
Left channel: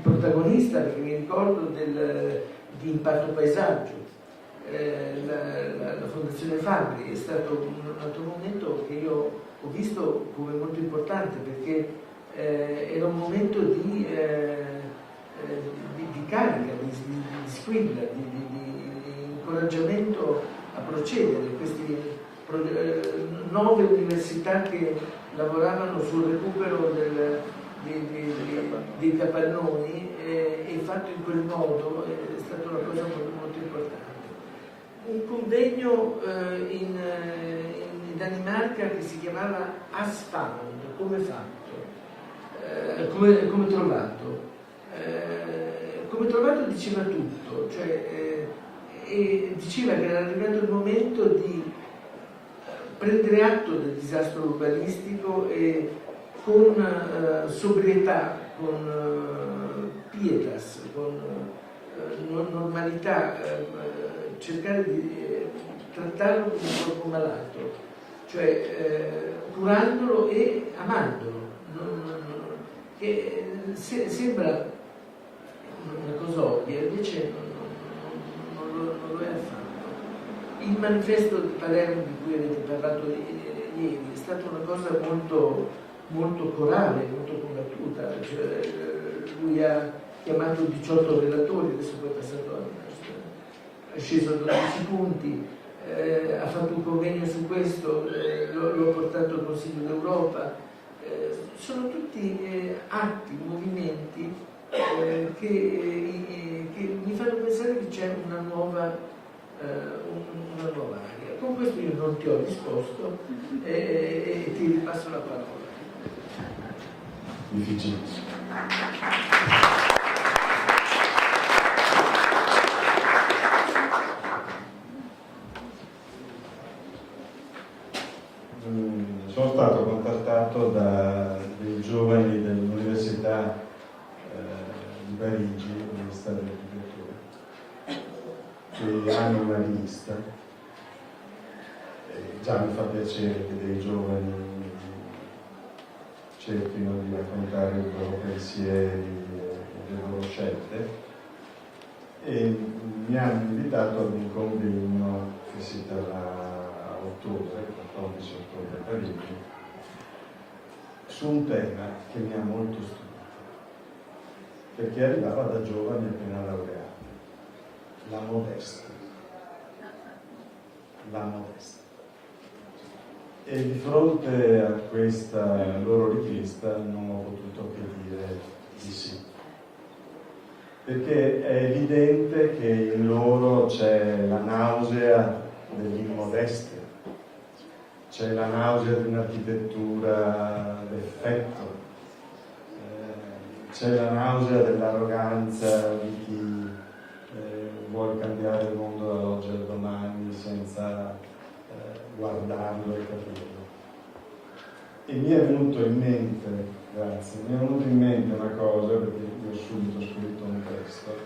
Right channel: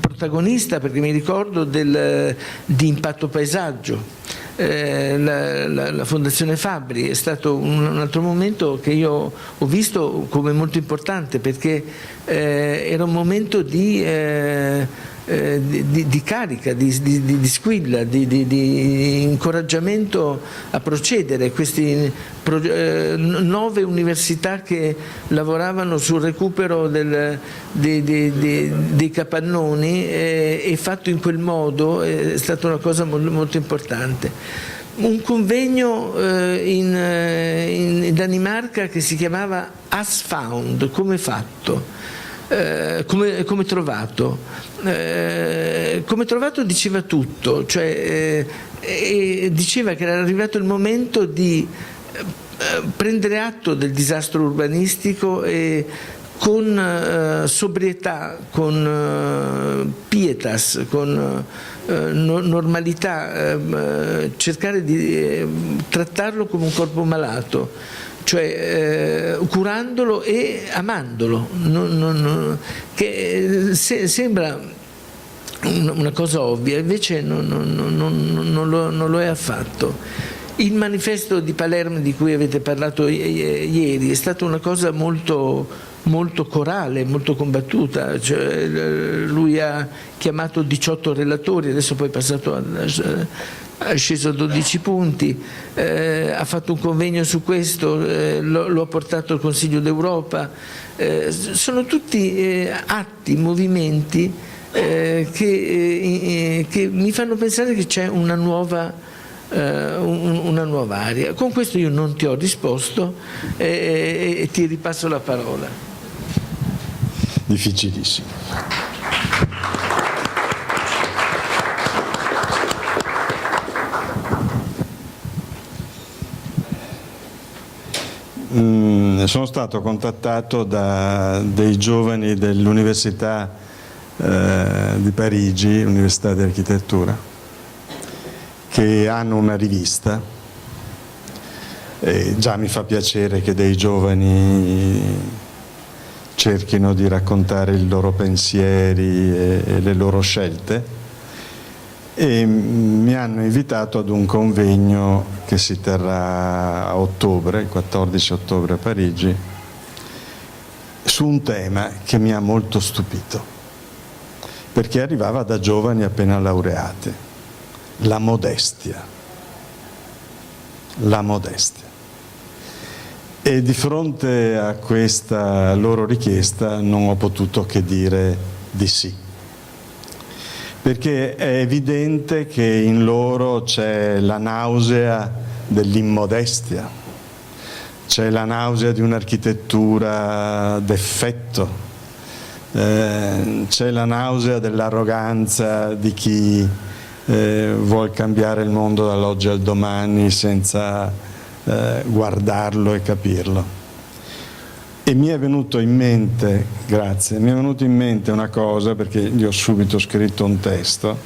protagonista, perché mi ricordo di Impatto Paesaggio. La Fondazione Fabbri è stato un altro momento che io ho visto come molto importante, perché era un momento di carica, di squilla, di incoraggiamento a procedere. Queste 9 università che lavoravano sul recupero dei capannoni, e fatto in quel modo è stata una cosa molto importante. Un convegno in Danimarca che si chiamava As Found, come fatto, come trovato. Come trovato diceva tutto, cioè diceva che era arrivato il momento di prendere atto del disastro urbanistico e con sobrietà, con pietas, con normalità, cercare di trattarlo come un corpo malato, cioè curandolo e amandolo, che sembra una cosa ovvia, invece non lo è affatto. Il manifesto di Palermo di cui avete parlato ieri è stata una cosa molto corale, molto combattuta, cioè, lui ha chiamato 18 relatori, adesso poi è passato è sceso a 12 punti, ha fatto un convegno su questo, l'ho portato al Consiglio d'Europa, sono tutti atti, movimenti che mi fanno pensare che c'è una nuova area. Con questo io non ti ho risposto e ti ripasso la parola. Difficilissimo. Sono stato contattato da dei giovani dell'Università di Parigi, Università di Architettura, che hanno una rivista, e già mi fa piacere che dei giovani cerchino di raccontare i loro pensieri e le loro scelte, e mi hanno invitato ad un convegno che si terrà a ottobre, il 14 ottobre a Parigi, su un tema che mi ha molto stupito, perché arrivava da giovani appena laureati: la modestia. La modestia. E di fronte a questa loro richiesta non ho potuto che dire di sì, perché è evidente che in loro c'è la nausea dell'immodestia, c'è la nausea di un'architettura d'effetto, c'è la nausea dell'arroganza di chi vuol cambiare il mondo dall'oggi al domani senza guardarlo e capirlo. E mi è venuto in mente, grazie, mi è venuto in mente una cosa, perché gli ho subito scritto un testo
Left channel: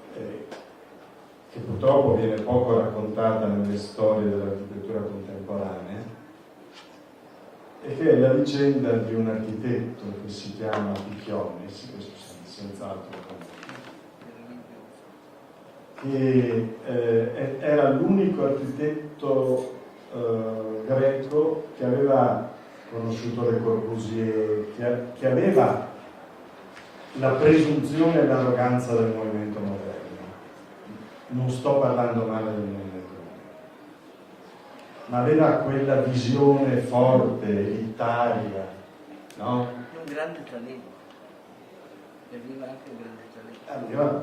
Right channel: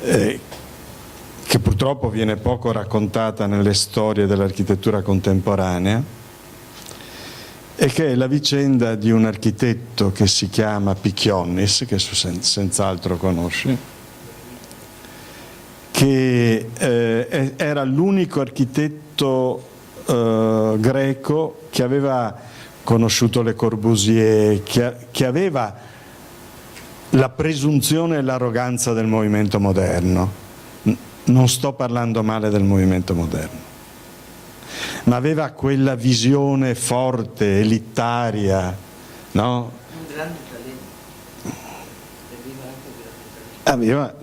che purtroppo viene poco raccontata nelle storie dell'architettura contemporanea, e che è la vicenda di un architetto che si chiama Pikionis, che senz'altro conosci, che era l'unico architetto greco che aveva conosciuto Le Corbusier, che aveva la presunzione e l'arroganza del movimento moderno. Non sto parlando male del movimento moderno, ma aveva quella visione forte, elitaria, no?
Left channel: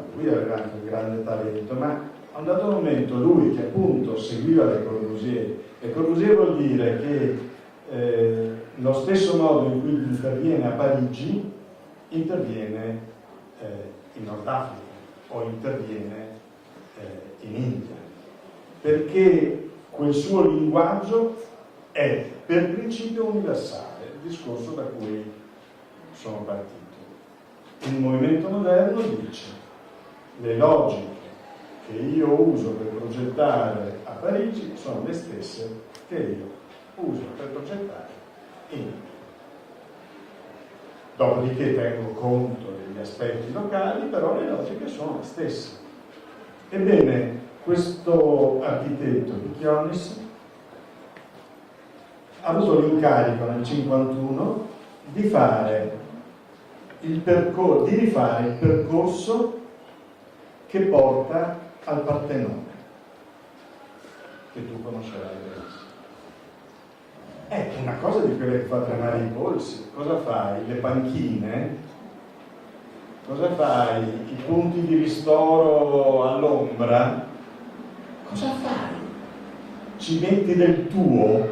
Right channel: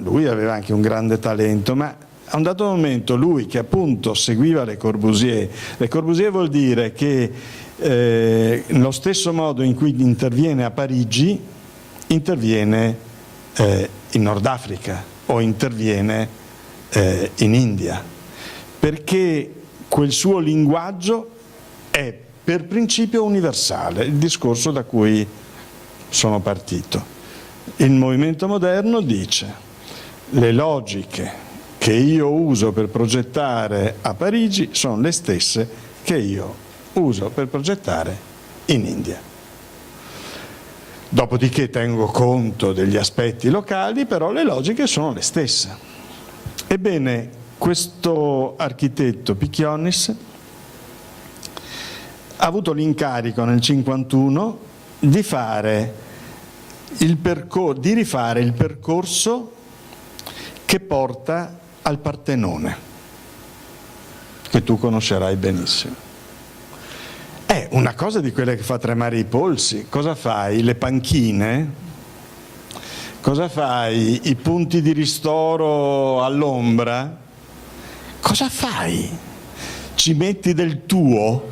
Lui aveva anche un grande talento, ma a un dato momento lui, che appunto seguiva Le Corbusier vuol dire che nello stesso modo in cui interviene a Parigi, interviene in Nord Africa o interviene in India, perché quel suo linguaggio è per principio universale, il discorso da cui sono partito. Il movimento moderno dice: le logiche che io uso per progettare a Parigi sono le stesse che io uso per progettare in India. Dopodiché tengo conto degli aspetti locali, però le logiche sono le stesse. Ebbene, questo architetto Pikionis ha avuto l'incarico nel 1951 di rifare il percorso che porta al Partenone, che tu conoscerai benissimo. È una cosa di quelle che fa tremare i polsi. Cosa fai? Le panchine? Cosa fai? I punti di ristoro all'ombra? Cosa fai? Ci metti del tuo?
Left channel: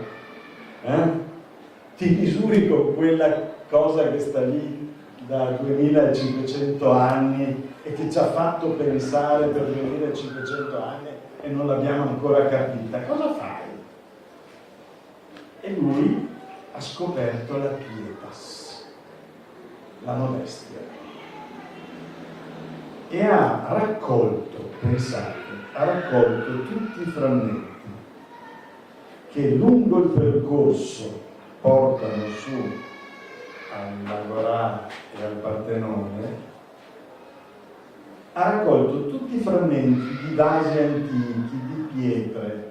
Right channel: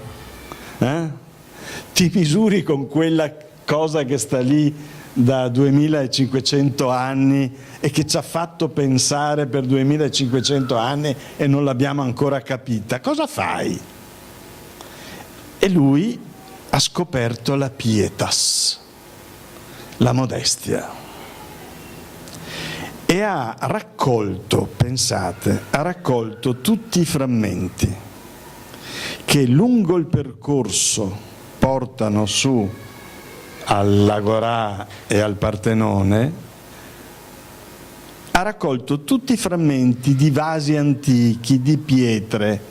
Ti misuri con quella cosa che sta lì da 2500 anni e che ci ha fatto pensare per 2500 anni e non l'abbiamo ancora capita? Cosa fai? E lui ha scoperto la pietas, la modestia, e ha raccolto, pensate, ha raccolto tutti i frammenti che lungo il percorso portano su all'Agorà e al Partenone, ha raccolto tutti i frammenti di vasi antichi, di pietre,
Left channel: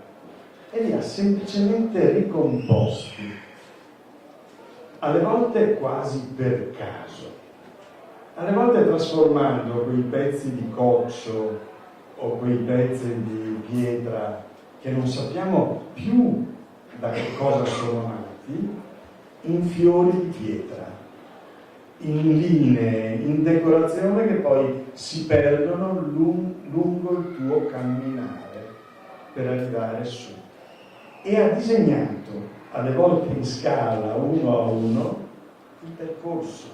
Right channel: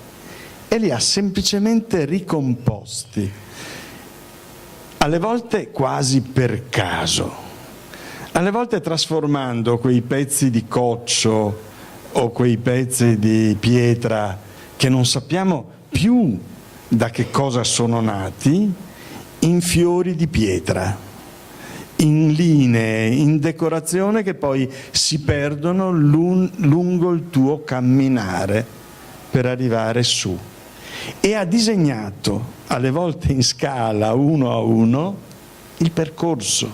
e li ha semplicemente ricomposti, alle volte quasi per caso, alle volte trasformando quei pezzi di coccio o quei pezzi di pietra che non sappiamo più da che cosa sono nati, in fiori di pietra, in linee, in decorazione che poi si perdono lungo il tuo camminare per arrivare su. E ha disegnato, alle volte in scala, uno a uno, il percorso.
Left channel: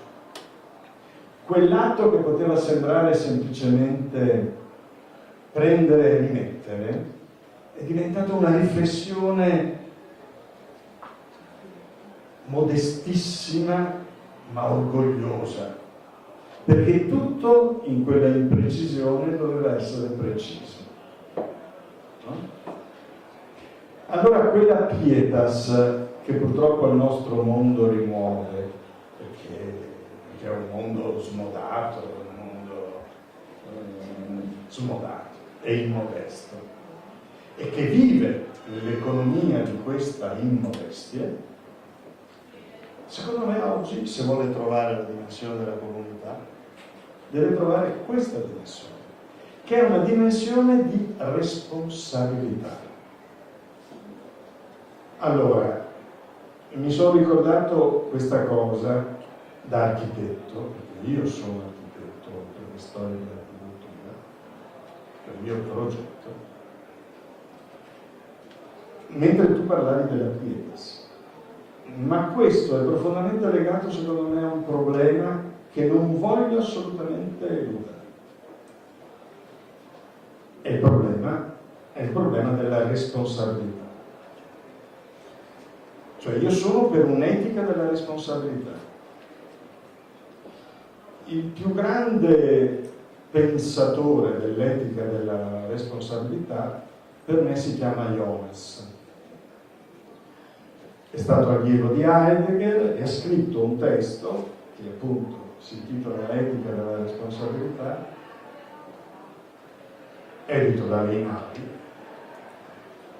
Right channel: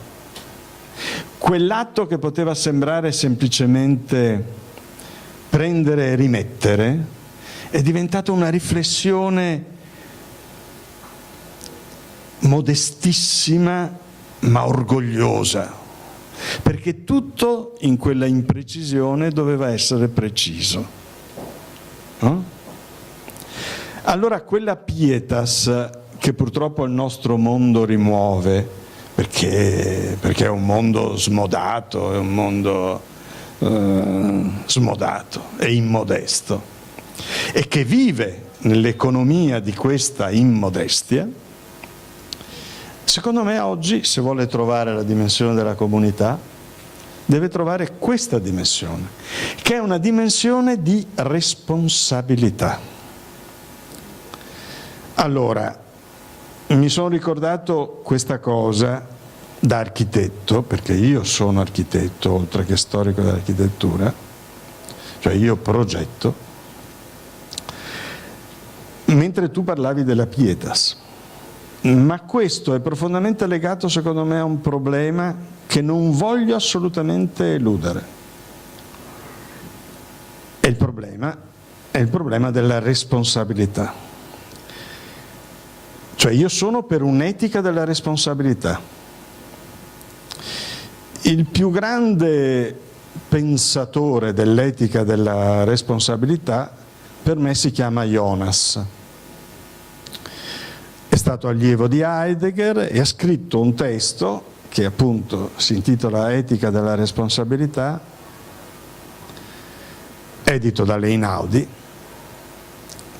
Quell'atto che poteva sembrare semplicemente prendere e rimettere è diventato una riflessione modestissima ma orgogliosa, perché tutto in quella imprecisione doveva essere preciso, no? Allora quella pietas che purtroppo il nostro mondo rimuove, perché è un mondo smodato, è un mondo smodato e immodesto, e che vive nell'economia di questa immodestia, secondo me oggi, se vuole trovare la dimensione della comunità, deve trovare questa dimensione, che è una dimensione di responsabilità. Allora, mi sono ricordato questa cosa da architetto, perché io sono architetto, oltre che storico dell'architettura, cioè io progetto, mentre tu parlavi della pietas. Ma questo è profondamente legato, secondo me, a un problema che non voglio assolutamente eludere. È il problema della responsabilità. Cioè io sono per un'etica della responsabilità. Il più grande pensatore dell'etica della responsabilità per me si chiama Jonas. È stato allievo di Heidegger e ha scritto un testo che appunto si intitola Etica della responsabilità, edito dall'Einaudi,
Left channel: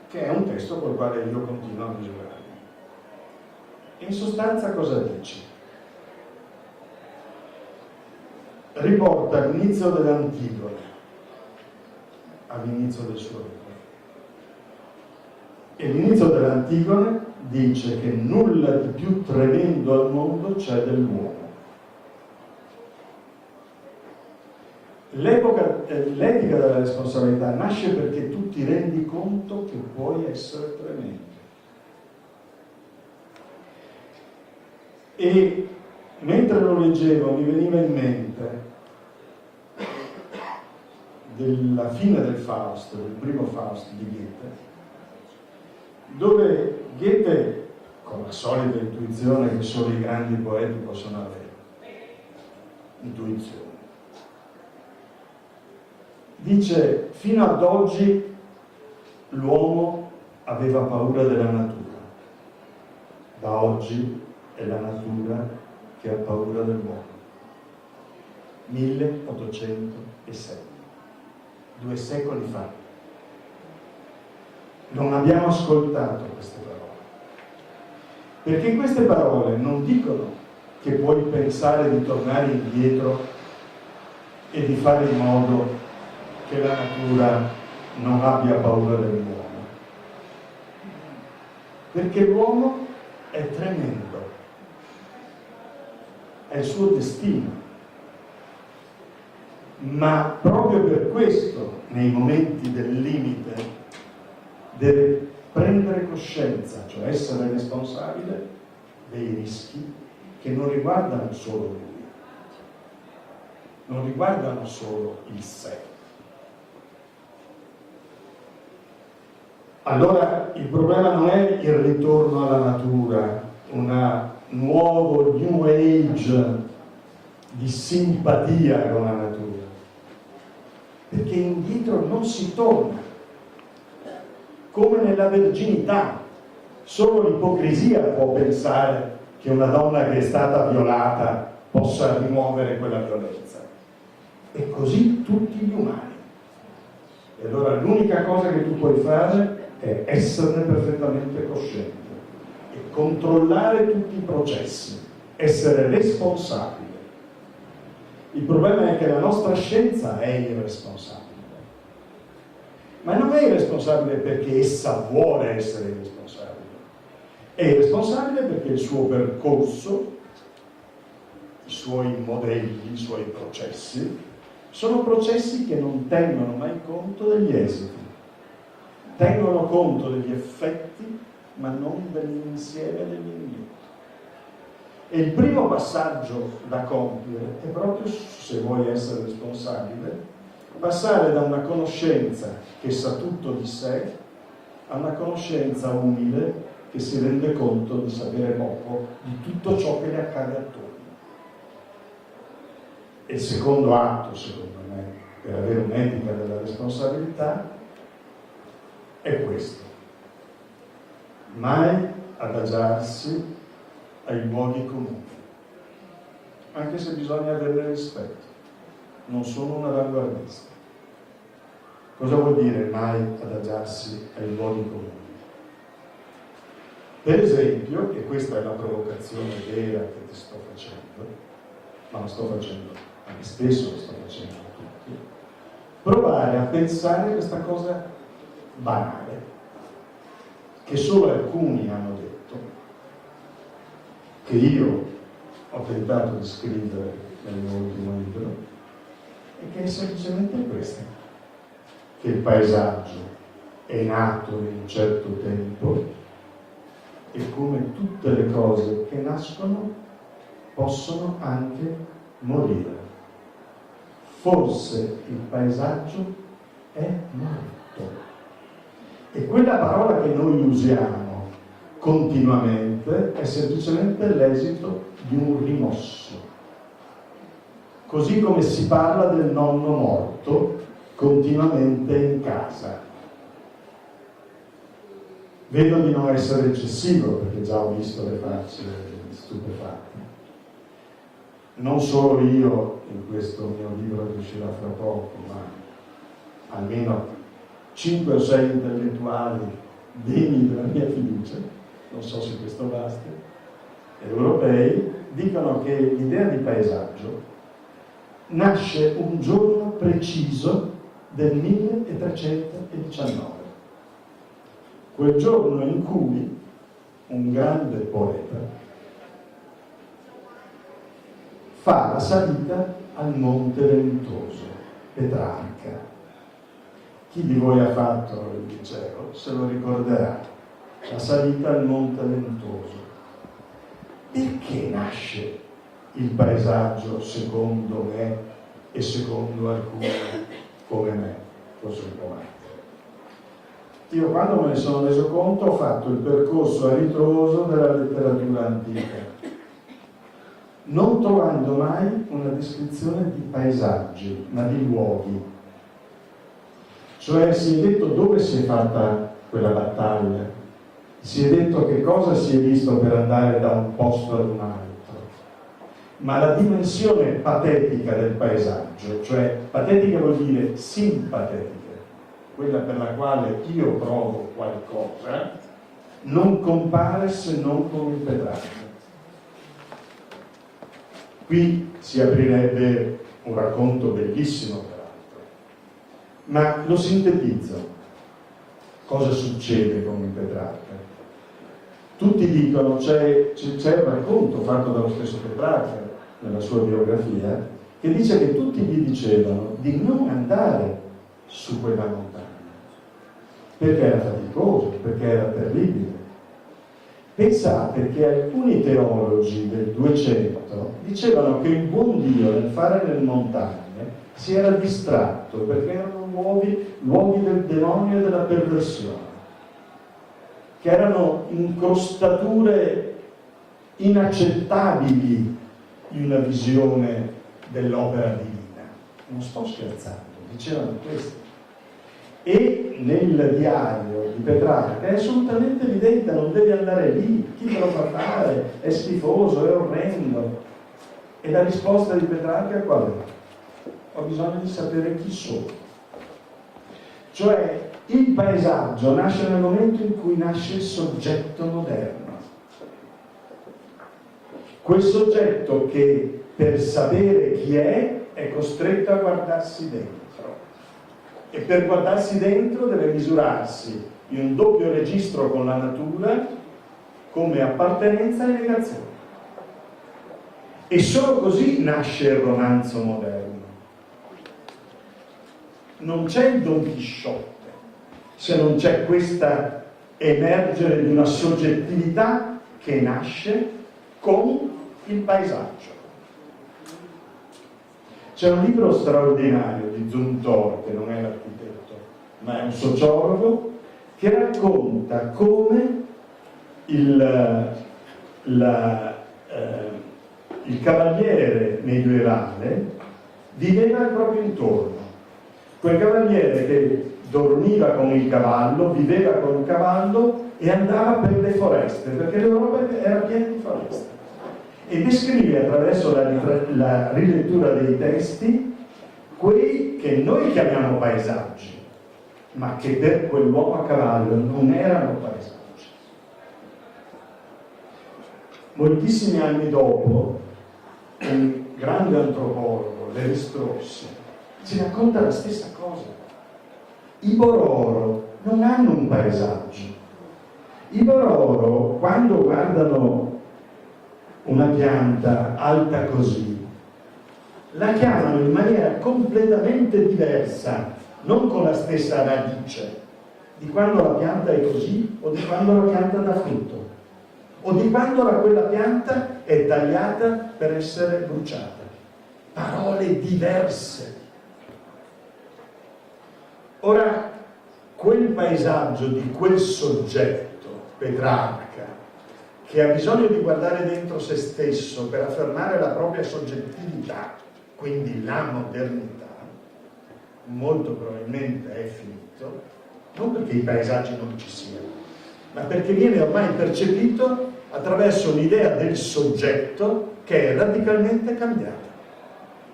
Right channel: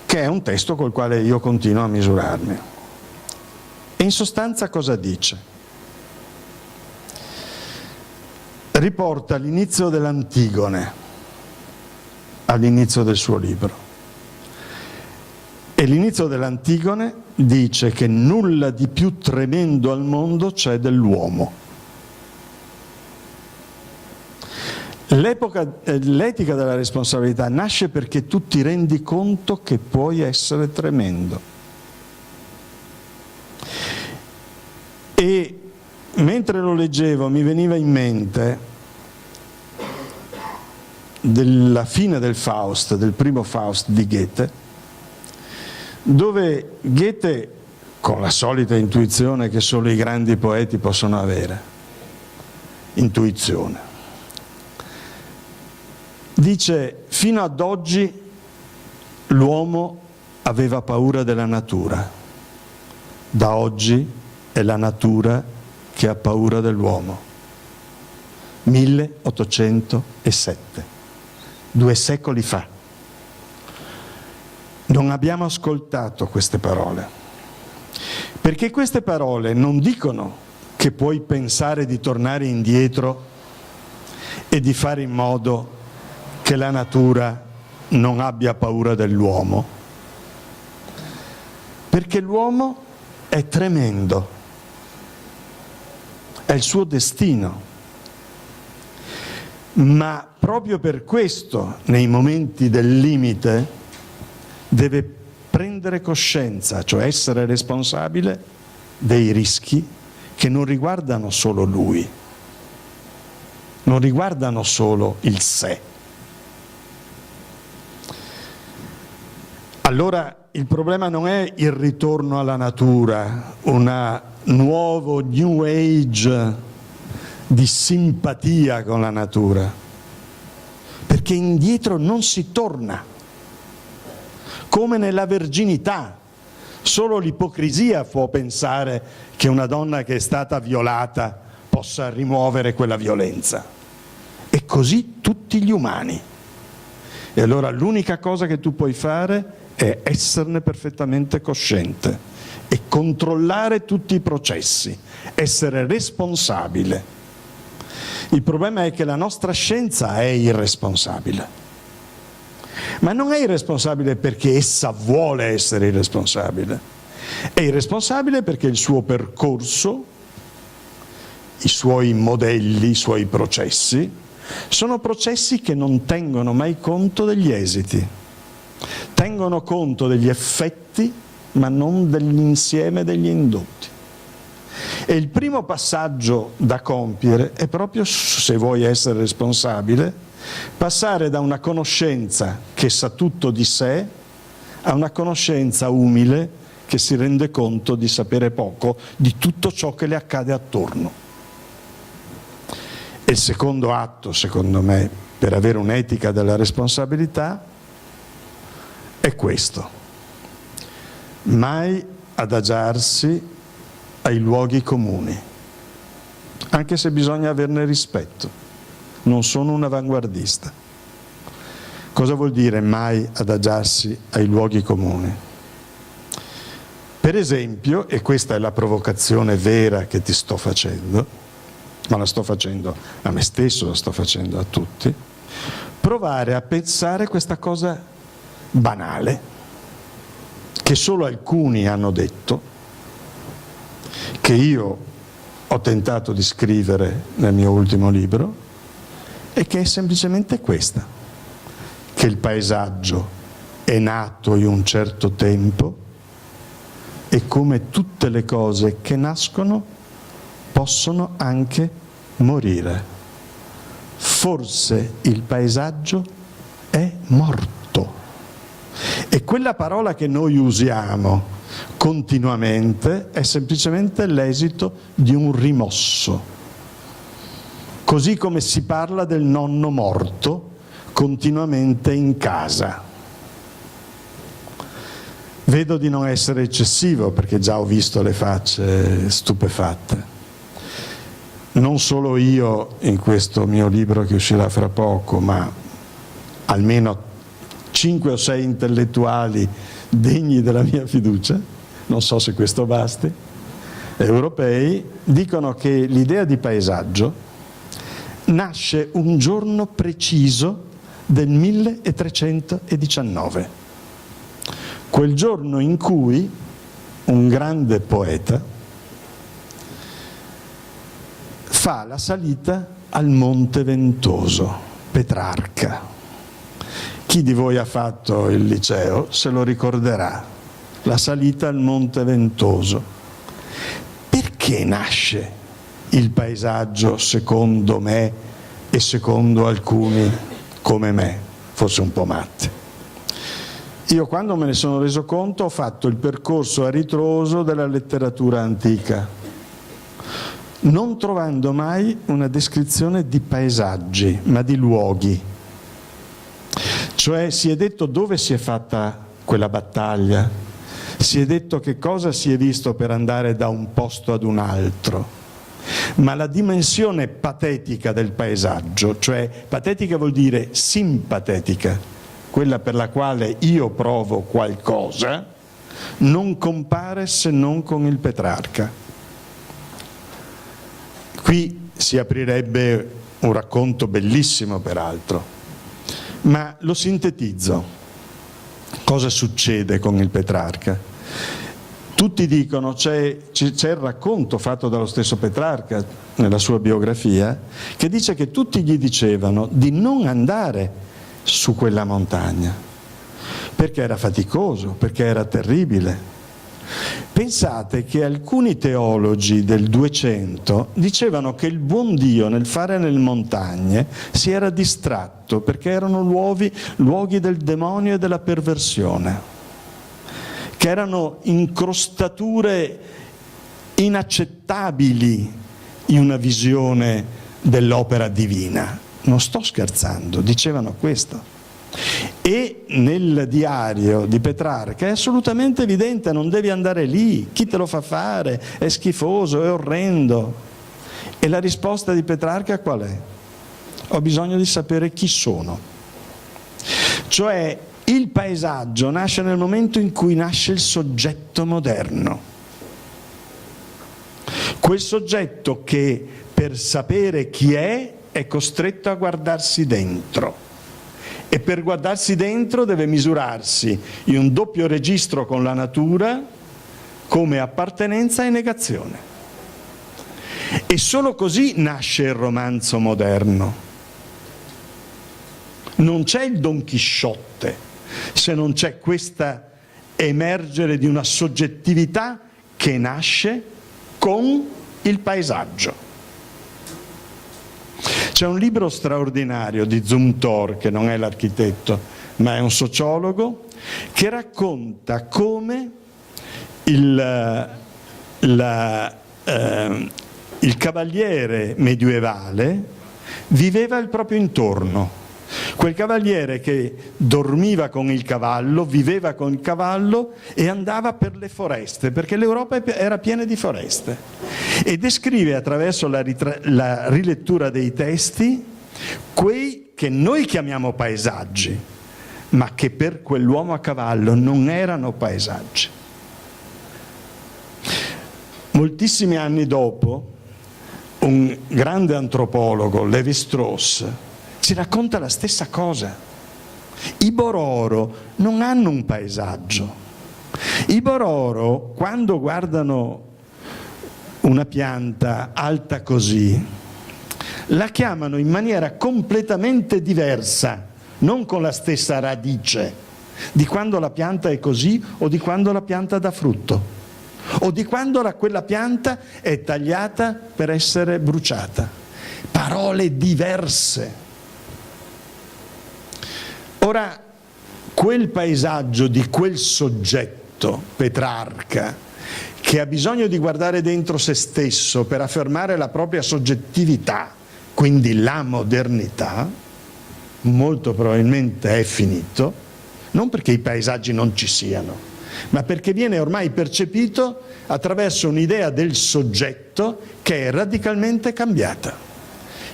che è un testo col quale io continuo a misurarmi. E in sostanza cosa dice? Riporta l'inizio dell'Antigone all'inizio del suo libro. E l'inizio dell'Antigone dice che nulla di più tremendo al mondo c'è dell'uomo. L'etica della responsabilità nasce perché tu ti rendi conto che puoi essere tremendo. E mentre lo leggevo mi veniva in mente della fine del Faust, del primo Faust di Goethe, dove Goethe, con la solita intuizione che solo i grandi poeti possono avere, intuizione, dice: fino ad oggi l'uomo aveva paura della natura, da oggi è la natura che ha paura dell'uomo. 1807, 2 secoli fa. Non abbiamo ascoltato queste parole, perché queste parole non dicono che puoi pensare di tornare indietro e di fare in modo che la natura non abbia paura dell'uomo, perché l'uomo è tremendo, è il suo destino. Ma proprio per questo, nei momenti del limite, deve prendere coscienza, cioè essere responsabile dei rischi che non riguardano solo lui, non riguardano solo il sé. Allora il problema non è il ritorno alla natura, un nuovo New Age di simpatia con la natura, perché indietro non si torna. Come nella verginità, Solo l'ipocrisia può pensare che una donna che è stata violata possa rimuovere quella violenza. E così tutti gli umani. E allora l'unica cosa che tu puoi fare è esserne perfettamente cosciente e controllare tutti i processi, essere responsabile. Il problema è che la nostra scienza è irresponsabile, ma non è irresponsabile perché essa vuole essere irresponsabile, è irresponsabile perché il suo percorso, i suoi modelli, i suoi processi, sono processi che non tengono mai conto degli esiti, tengono conto degli effetti ma non dell'insieme degli indotti. E il primo passaggio da compiere è proprio, se vuoi essere responsabile, passare da una conoscenza che sa tutto di sé a una conoscenza umile che si rende conto di sapere poco di tutto ciò che le accade attorno. E il secondo atto, secondo me, per avere un'etica della responsabilità è questo: mai adagiarsi ai luoghi comuni, anche se bisogna averne rispetto. Non sono un avanguardista. Cosa vuol dire mai adagiarsi ai luoghi comuni? Per esempio, e questa è la provocazione vera che ti sto facendo, ma la sto facendo a me stesso, la sto facendo a tutti, provare a pensare questa cosa banale che solo alcuni hanno detto, che io ho tentato di scrivere nel mio ultimo libro, e che è semplicemente questa: che il paesaggio è nato in un certo tempo e come tutte le cose che nascono possono anche morire. Forse il paesaggio è morto. E quella parola che noi usiamo continuamente è semplicemente l'esito di un rimosso. Così come si parla del nonno morto continuamente in casa. Vedo di non essere eccessivo perché già ho visto le facce stupefatte. Non solo io in questo mio libro che uscirà fra poco, ma almeno 5 o 6 intellettuali degni della mia fiducia, non so se questo basti, europei, dicono che l'idea di paesaggio nasce un giorno preciso del 1319, quel giorno in cui un grande poeta fa la salita al Monte Ventoso, Petrarca. Chi di voi ha fatto il liceo se lo ricorderà, la salita al Monte Ventoso. Perché nasce il paesaggio secondo me e secondo alcuni come me, forse un po' matti? Io quando me ne sono reso conto ho fatto il percorso a ritroso della letteratura antica, non trovando mai una descrizione di paesaggi, ma di luoghi. Cioè si è detto dove si è fatta quella battaglia, si è detto che cosa si è visto per andare da un posto ad un altro, ma la dimensione patetica del paesaggio, cioè patetica vuol dire simpatetica, quella per la quale io provo qualcosa, non compare se non con il Petrarca. Qui si aprirebbe un racconto bellissimo peraltro, ma lo sintetizzo. Cosa succede con il Petrarca? Tutti dicono, c'è il racconto fatto dallo stesso Petrarca nella sua biografia, che dice che tutti gli dicevano di non andare su quella montagna, perché era faticoso, perché era terribile. Pensate che alcuni teologi del 200 dicevano che il buon Dio nel fare nelle montagne si era distratto perché erano luoghi del demonio e della perversione, che erano incrostature inaccettabili in una visione dell'opera divina. Non sto scherzando, dicevano questo. E nel diario di Petrarca è assolutamente evidente, non devi andare lì, chi te lo fa fare? È schifoso, è orrendo. E la risposta di Petrarca qual è? Ho bisogno di sapere chi sono. Cioè, il paesaggio nasce nel momento in cui nasce il soggetto moderno. Quel soggetto che per sapere chi è costretto a guardarsi dentro. E per guardarsi dentro deve misurarsi in un doppio registro con la natura come appartenenza e negazione. E solo così nasce il romanzo moderno. Non c'è il Don Chisciotte se non c'è questa emergere di una soggettività che nasce con il paesaggio. C'è un libro straordinario di Zumthor, che non è l'architetto, ma è un sociologo, che racconta come il cavaliere medievale viveva il proprio intorno. Quel cavaliere che dormiva con il cavallo, viveva con il cavallo e andava per le foreste, perché l'Europa era piena di foreste. E descrive attraverso la rilettura dei testi quei che noi chiamiamo paesaggi, ma che per quell'uomo a cavallo non erano paesaggi. Moltissimi anni dopo, un grande antropologo, Lévi-Strauss, ci racconta la stessa cosa. I Bororo non hanno un paesaggio. I Bororo, quando guardano una pianta alta così, la chiamano in maniera completamente diversa, non con la stessa radice, di quando la pianta è così o di quando la pianta dà frutto, o di quando quella pianta è tagliata per essere bruciata. Parole diverse. Ora, quel paesaggio di quel soggetto, Petrarca, che ha bisogno di guardare dentro se stesso per affermare la propria soggettività, quindi la modernità, molto probabilmente è finito, non perché i paesaggi non ci siano, ma perché viene ormai percepito attraverso un'idea del soggetto che è radicalmente cambiata.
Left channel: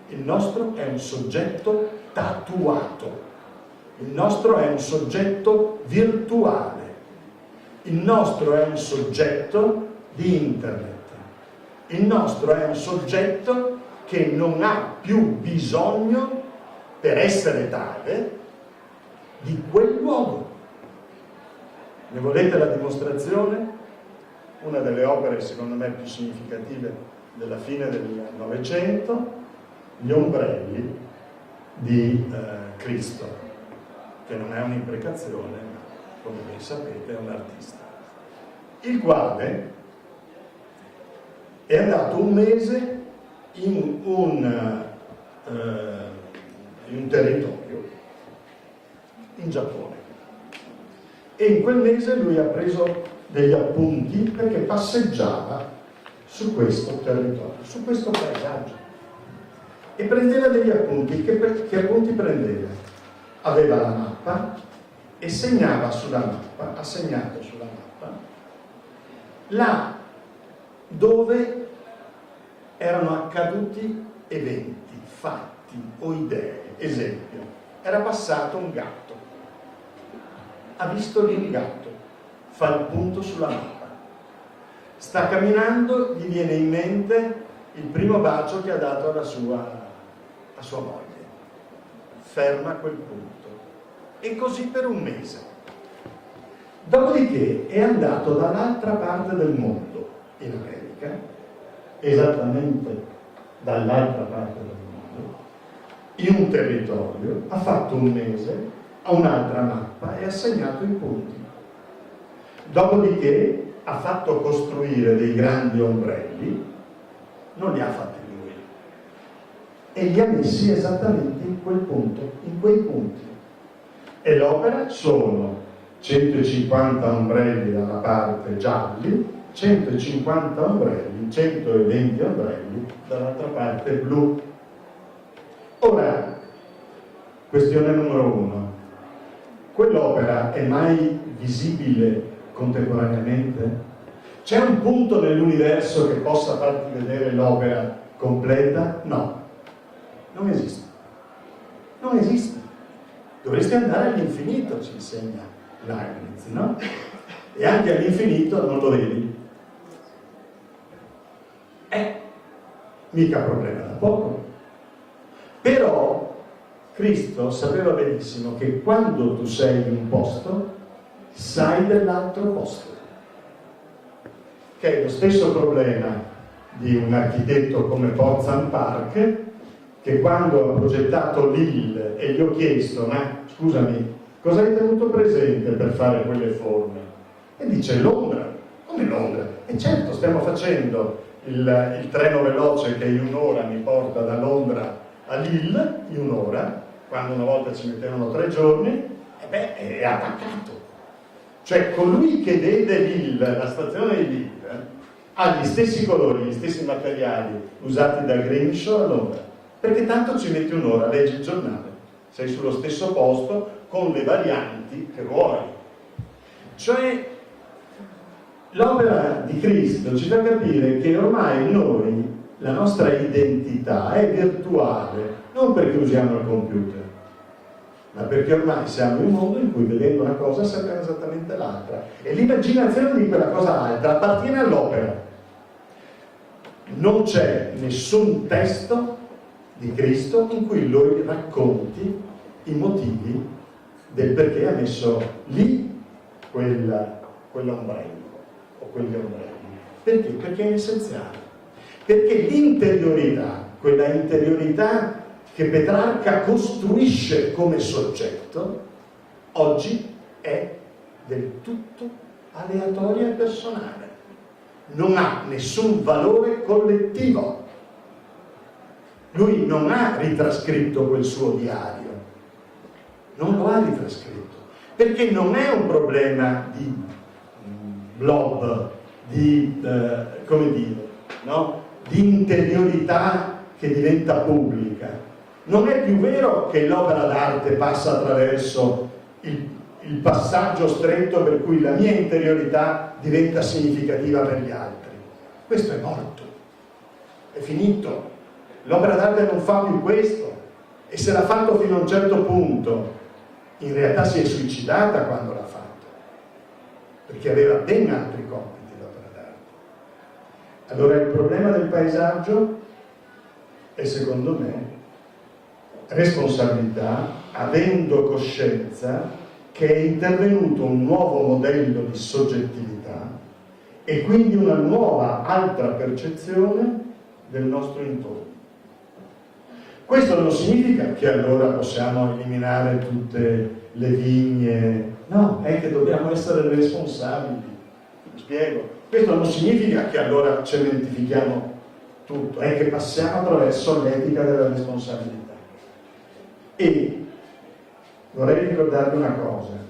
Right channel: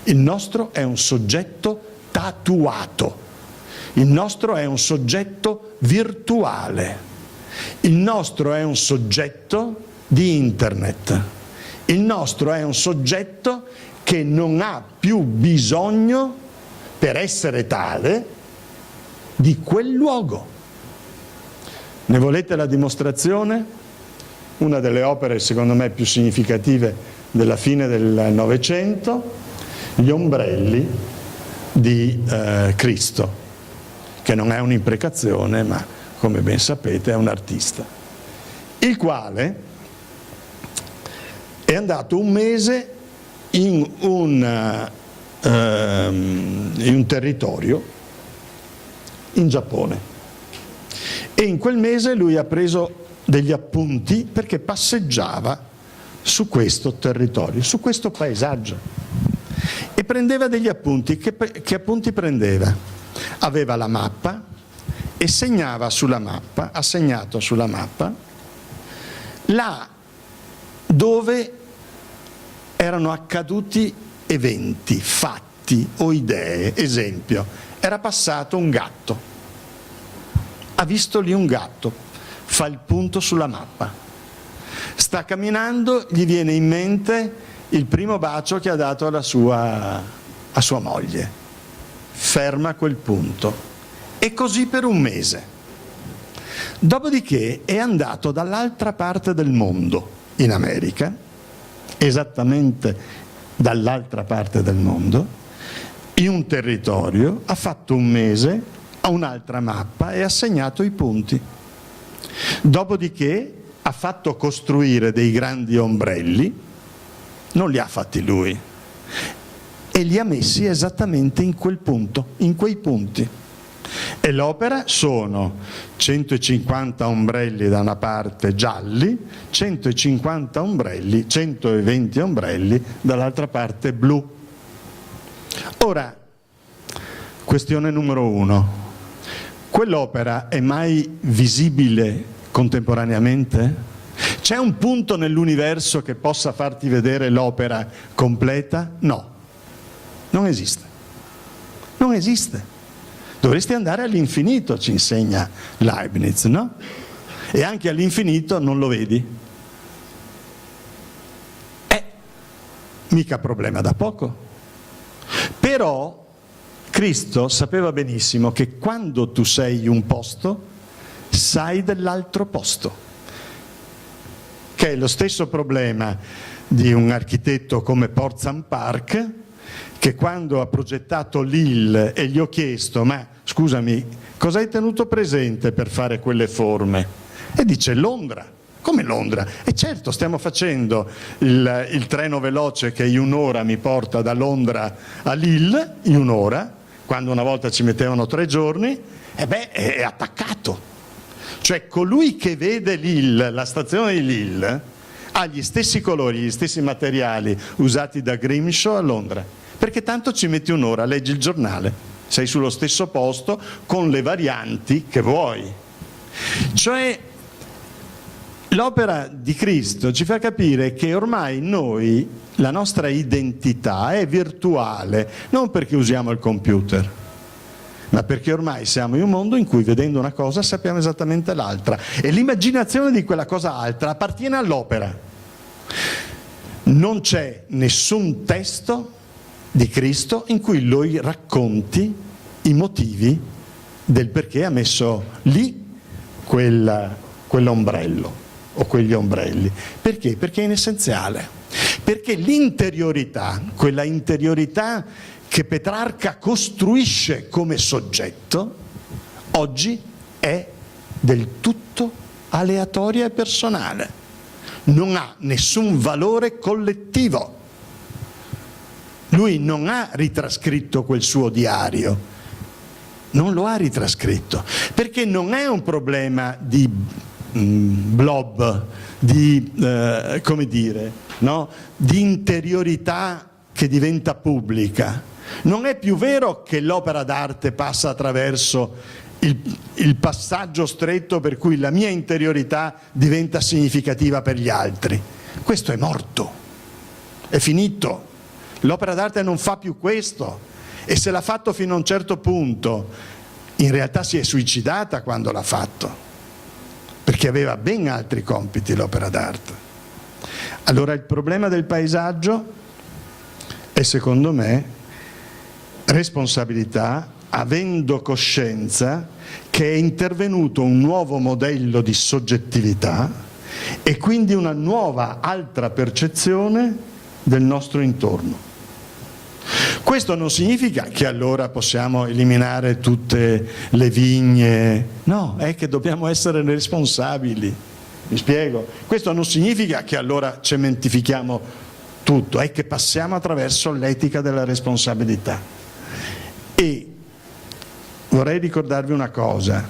Il nostro è un soggetto tatuato. Il nostro è un soggetto virtuale, il nostro è un soggetto di internet, il nostro è un soggetto che non ha più bisogno, per essere tale, di quel luogo. Ne volete la dimostrazione? Una delle opere secondo me più significative della fine del Novecento, gli ombrelli di Cristo, che non è un'imprecazione, ma come ben sapete è un artista, il quale è andato un mese in un territorio in Giappone e in quel mese lui ha preso degli appunti perché passeggiava su questo territorio, su questo paesaggio, e prendeva degli appunti. Che appunti prendeva? Aveva la mappa e segnava sulla mappa, ha segnato sulla mappa là dove erano accaduti eventi, fatti o idee. Esempio, era passato un gatto, ha visto lì un gatto, fa il punto sulla mappa, sta camminando, gli viene in mente il primo bacio che ha dato a sua moglie, ferma a quel punto, e così per un mese. Dopodiché è andato dall'altra parte del mondo, in America, esattamente dall'altra parte del mondo, in un territorio, ha fatto un mese, ha un'altra mappa e ha segnato i punti. Dopodiché ha fatto costruire dei grandi ombrelli, non li ha fatti lui, e li ha messi esattamente in quel punto, in quei punti. E l'opera sono 150 ombrelli da una parte gialli, 150 ombrelli, 120 ombrelli dall'altra parte blu. Ora, questione numero 1. quell'opera è mai visibile contemporaneamente? C'è un punto nell'universo che possa farti vedere l'opera completa? No, non esiste. Non esiste. Dovresti andare all'infinito, ci insegna Leibniz, no? E anche all'infinito non lo vedi. Mica problema da poco. Però Cristo sapeva benissimo che quando tu sei in un posto, sai dell'altro posto. Che è lo stesso problema di un architetto come Portzampark, Park, che quando ha progettato Lille e gli ho chiesto: ma scusami, cosa hai tenuto presente per fare quelle forme? E dice: Londra. Come Londra? E certo, stiamo facendo il treno veloce che in un'ora mi porta da Londra a Lille, in un'ora, quando una volta ci mettevano 3 giorni, e beh, è attaccato. Cioè colui che vede Lille, la stazione di Lille, ha gli stessi colori, gli stessi materiali usati da Grimshaw a Londra, perché tanto ci metti un'ora, leggi il giornale, sei sullo stesso posto con le varianti che vuoi. Cioè l'opera di Cristo ci fa capire che ormai noi, la nostra identità è virtuale, non perché usiamo il computer, ma perché ormai siamo in un mondo in cui vedendo una cosa sappiamo esattamente l'altra, e l'immaginazione di quella cosa altra appartiene all'opera. Non c'è nessun testo di Cristo in cui lui racconti i motivi del perché ha messo lì quell'ombrello o quegli ombrelli. Perché? Perché è inessenziale. Perché l'interiorità, quella interiorità che Petrarca costruisce come soggetto, oggi è del tutto aleatoria e personale. Non ha nessun valore collettivo. Lui non ha ritrascritto quel suo diario, non lo ha ritrascritto, perché non è un problema di blob, di come dire, no? Di interiorità che diventa pubblica. Non è più vero che l'opera d'arte passa attraverso il passaggio stretto per cui la mia interiorità diventa significativa per gli altri. Questo è morto, è finito. L'opera d'arte non fa più questo, e se l'ha fatto fino a un certo punto, in realtà si è suicidata quando l'ha fatto, perché aveva ben altri compiti l'opera d'arte. Allora il problema del paesaggio è, secondo me, responsabilità, avendo coscienza che è intervenuto un nuovo modello di soggettività e quindi una nuova altra percezione del nostro intorno. Questo non significa che allora possiamo eliminare tutte le vigne, no, è che dobbiamo essere responsabili, mi spiego? Questo non significa che allora cementifichiamo tutto, è che passiamo attraverso l'etica della responsabilità. E vorrei ricordarvi una cosa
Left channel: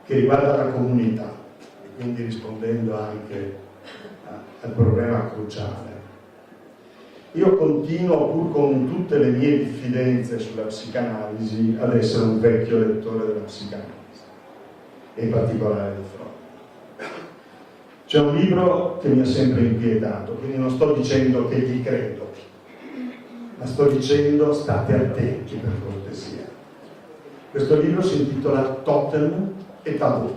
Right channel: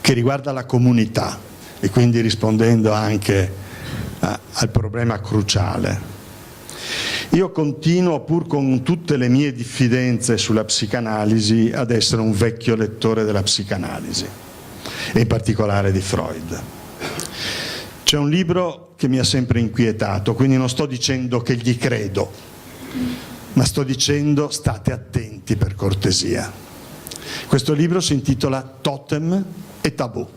che riguarda la comunità, e quindi rispondendo anche al problema cruciale. Io continuo, pur con tutte le mie diffidenze sulla psicanalisi, ad essere un vecchio lettore della psicanalisi, e in particolare di Freud. C'è un libro che mi ha sempre inquietato, quindi non sto dicendo che gli credo, ma sto dicendo state attenti, per cortesia. Questo libro si intitola Totem e Tabù.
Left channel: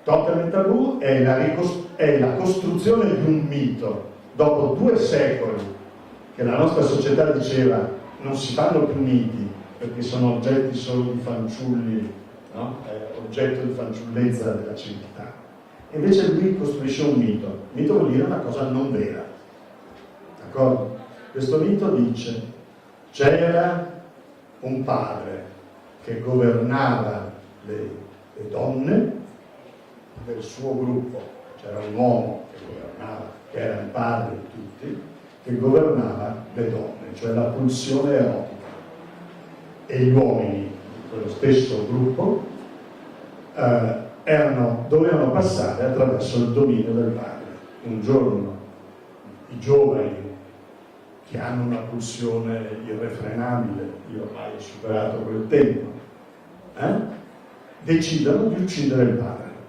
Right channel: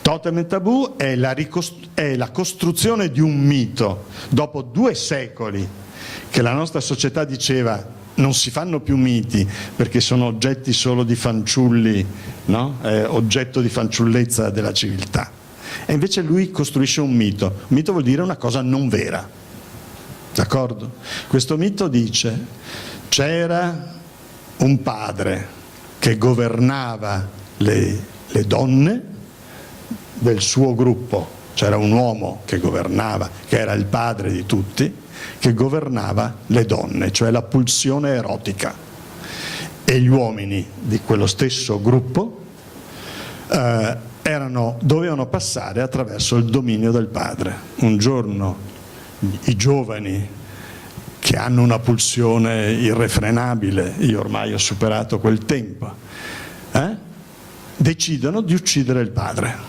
Totem e Tabù è la costruzione di un mito. Dopo 2 secoli che la nostra società diceva non si fanno più miti perché sono oggetti solo di fanciulli, no? Oggetto di fanciullezza della civiltà. E invece lui costruisce un mito. Un mito vuol dire una cosa non vera. D'accordo? Questo mito dice: c'era un padre che governava le donne del suo gruppo, c'era un uomo che governava, che era il padre di tutti, che governava le donne, cioè la pulsione erotica, e gli uomini di quello stesso gruppo dovevano passare attraverso il dominio del padre. Un giorno i giovani che hanno una pulsione irrefrenabile, io ormai ho superato quel tempo, decidono di uccidere il padre.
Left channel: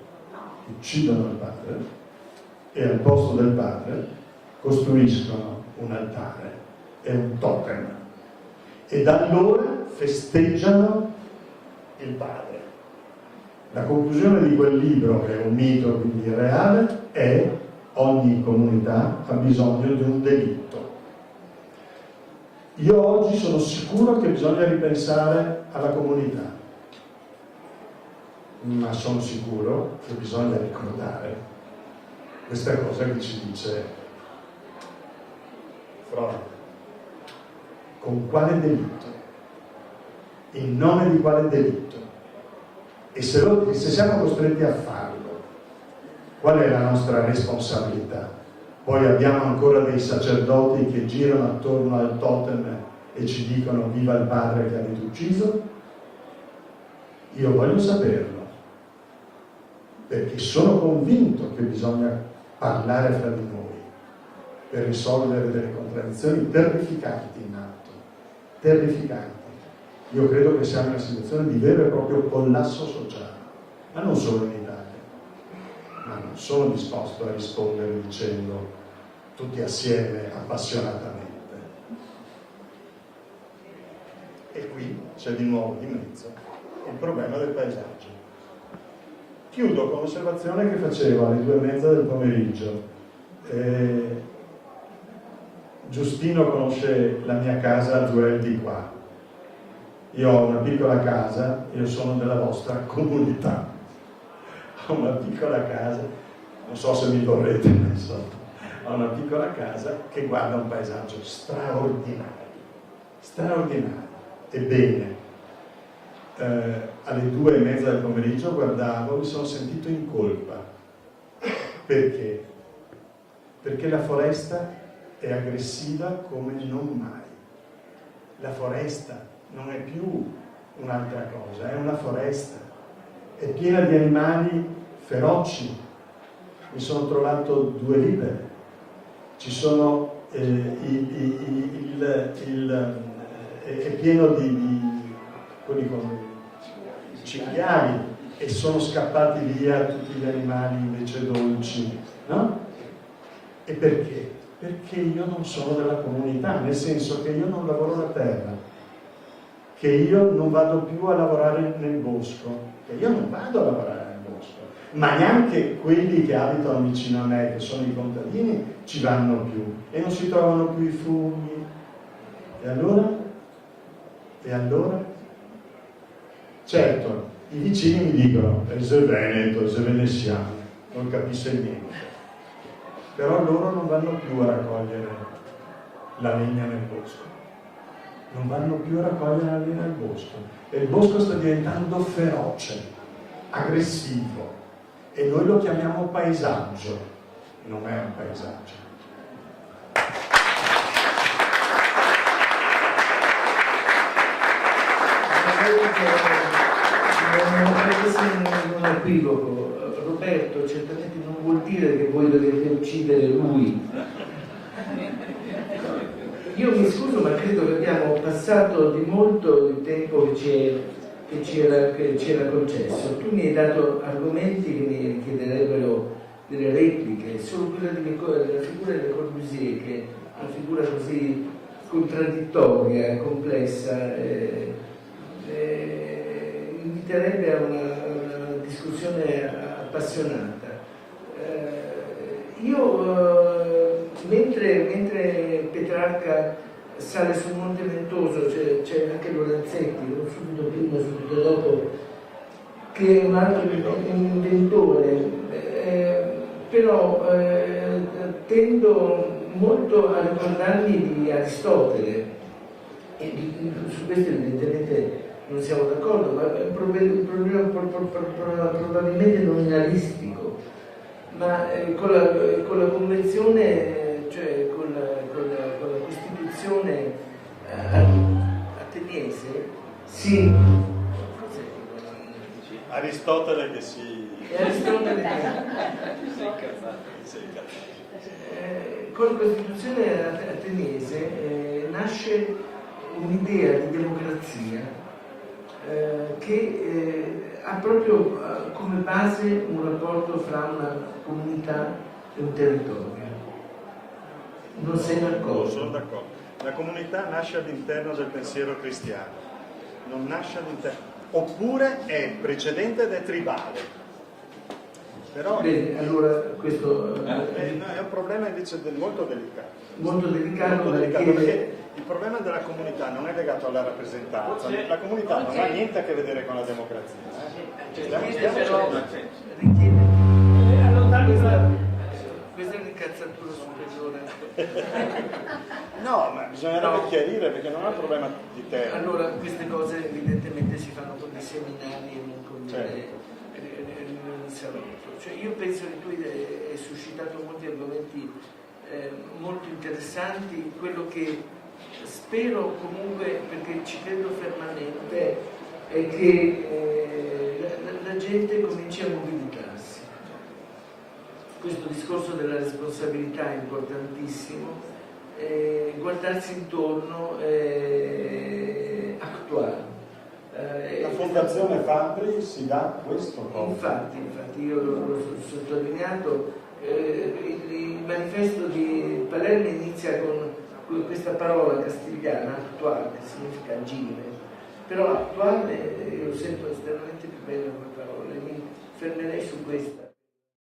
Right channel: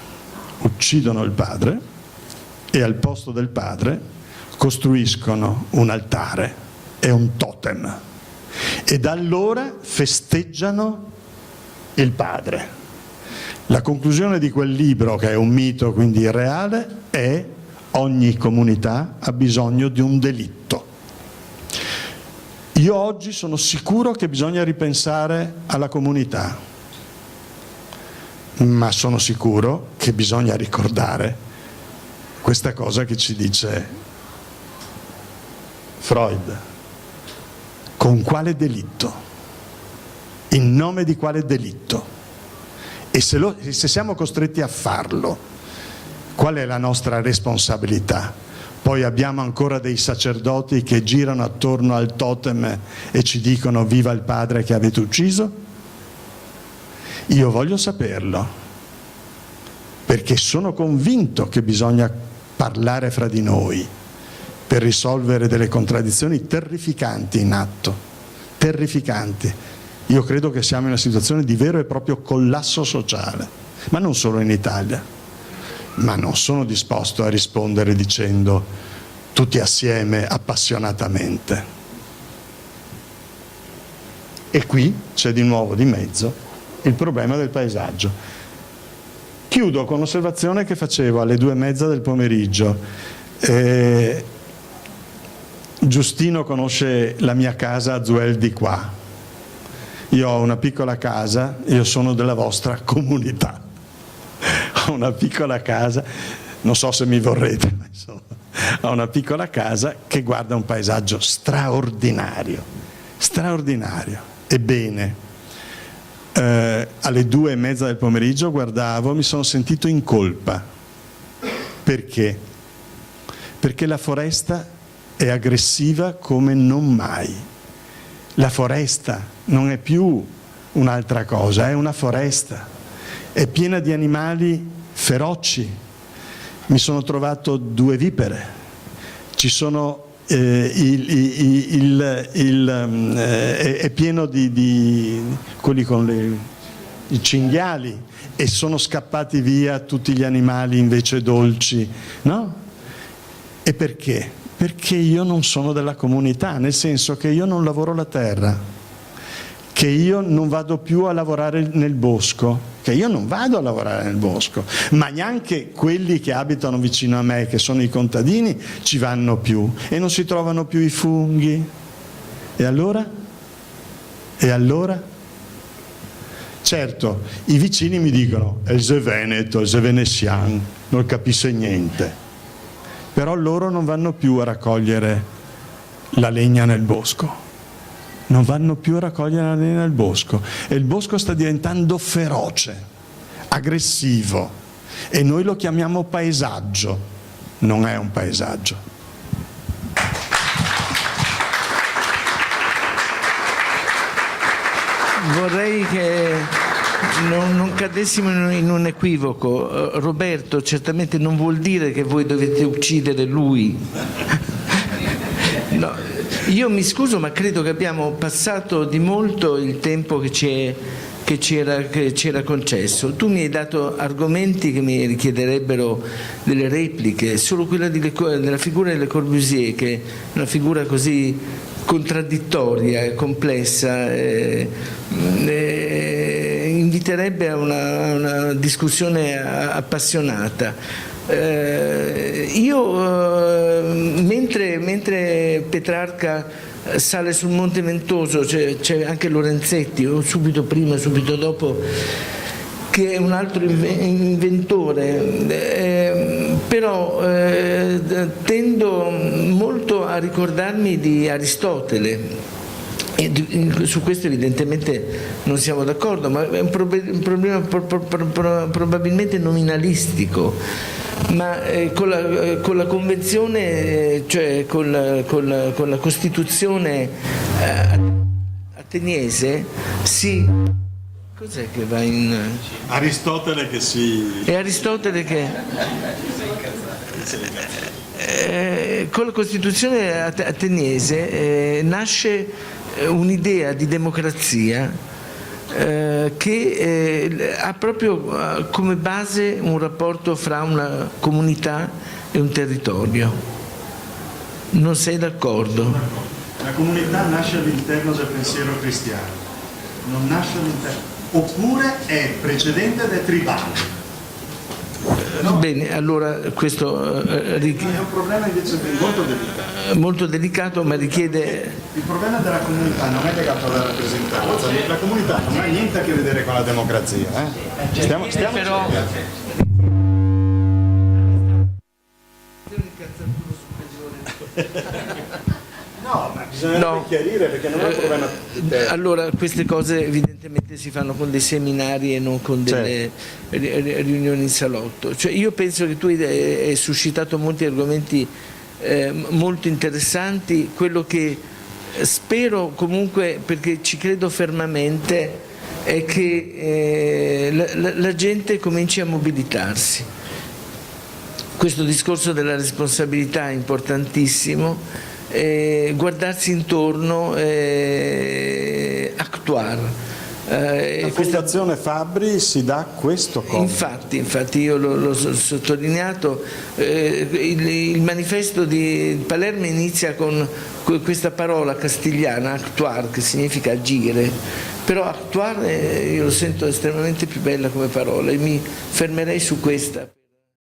Uccidono il padre e al posto del padre costruiscono un altare e un totem. E da allora festeggiano il padre. La conclusione di quel libro, che è un mito quindi irreale, è: ogni comunità ha bisogno di un delitto. Io oggi sono sicuro che bisogna ripensare alla comunità, ma sono sicuro che bisogna ricordare questa cosa che ci dice Freud. Con quale delitto? In nome di quale delitto? E se siamo costretti a farlo, qual è la nostra responsabilità? Poi abbiamo ancora dei sacerdoti che girano attorno al totem e ci dicono: viva il padre che avete ucciso? Io voglio saperlo, perché sono convinto che bisogna parlare fra di noi per risolvere delle contraddizioni terrificanti in atto, terrificanti. Io credo che siamo in una situazione di vero e proprio collasso sociale, ma non solo in Italia. Ma non sono disposto a rispondere dicendo tutti assieme appassionatamente. E qui c'è di nuovo di mezzo il problema del paesaggio. Chiudo con l'osservazione che facevo alle 2:30 del pomeriggio. Giustino conosce la mia casa a Zuel di qua. Io ho una piccola casa, io sono della vostra comunità. Ho una piccola casa, non so se mi vorrete, ho una piccola casa che guarda un paesaggio straordinario, straordinario. Ebbene, alle 2:30 del pomeriggio guardavo, mi sono sentito in colpa. Perché? Perché la foresta è aggressiva come non mai. La foresta non è più un'altra cosa, è una foresta. È piena di animali feroci. Mi sono trovato 2 vipere. Ci sono è pieno di quelli con i cinghiali, e sono scappati via tutti gli animali invece dolci, no? E perché? Perché io non sono della comunità, nel senso che io non lavoro la terra, che io non vado più a lavorare nel bosco, ma neanche quelli che abitano vicino a me, che sono i contadini, ci vanno più e non si trovano più i funghi. E allora? E allora? Certo, i vicini mi dicono: è il Veneto, è il veneziano, non capisce niente. Però loro non vanno più a raccogliere la legna nel bosco. Non vanno più a raccogliere la legna nel bosco, e il bosco sta diventando feroce, aggressivo, e noi lo chiamiamo paesaggio. Non è un paesaggio. Vorrei che non cadessimo in un equivoco. Roberto certamente non vuol dire che voi dovete uccidere lui. No, io mi scuso, ma credo che abbiamo passato di molto il tempo che ci era concesso. Tu mi hai dato argomenti che mi richiederebbero delle repliche. Solo quella della figura di Le Corbusier, che è una figura così contraddittoria e complessa, inviterebbe a una discussione appassionata. Mentre Petrarca sale sul Monte Ventoso, c'è anche Lorenzetti, o subito prima, subito dopo, che è un altro inventore, però tendo molto a ricordarmi di Aristotele. E su questo evidentemente non siamo d'accordo, ma è un problema probabilmente nominalistico, ma con la convenzione, cioè con la Costituzione ateniese si... Cos'è che va in... Aristotele che si... È Aristotele che... Con la Costituzione ateniese nasce un'idea di democrazia che ha proprio come base un rapporto fra una comunità e un territorio. Non sei d'accordo? La comunità nasce all'interno del pensiero cristiano, non nasce all'interno, oppure è precedente ed è tribale. Bene, allora questo È un problema invece molto delicato. molto delicato, ma richiede... Il problema della comunità non è legato alla rappresentanza, la comunità non ha niente a che vedere con la democrazia. Stiamo però... No, ma bisogna chiarire perché non è un problema di te. Allora, queste cose evidentemente si fanno con dei seminari e non con delle riunioni in salotto. Cioè, io penso che tu hai suscitato molti argomenti molto interessanti. Quello che spero comunque, perché ci credo fermamente, è che la gente cominci a mobilitarsi. Questo discorso della responsabilità è importantissimo. Guardarsi intorno, actuare. La Fondazione Fabbri si dà questo compito. Infatti io l'ho sottolineato, il manifesto di Palermo inizia con questa parola castigliana, actuare, che significa agire, però actuare io lo sento estremamente più bella come parola e mi fermerei su questa.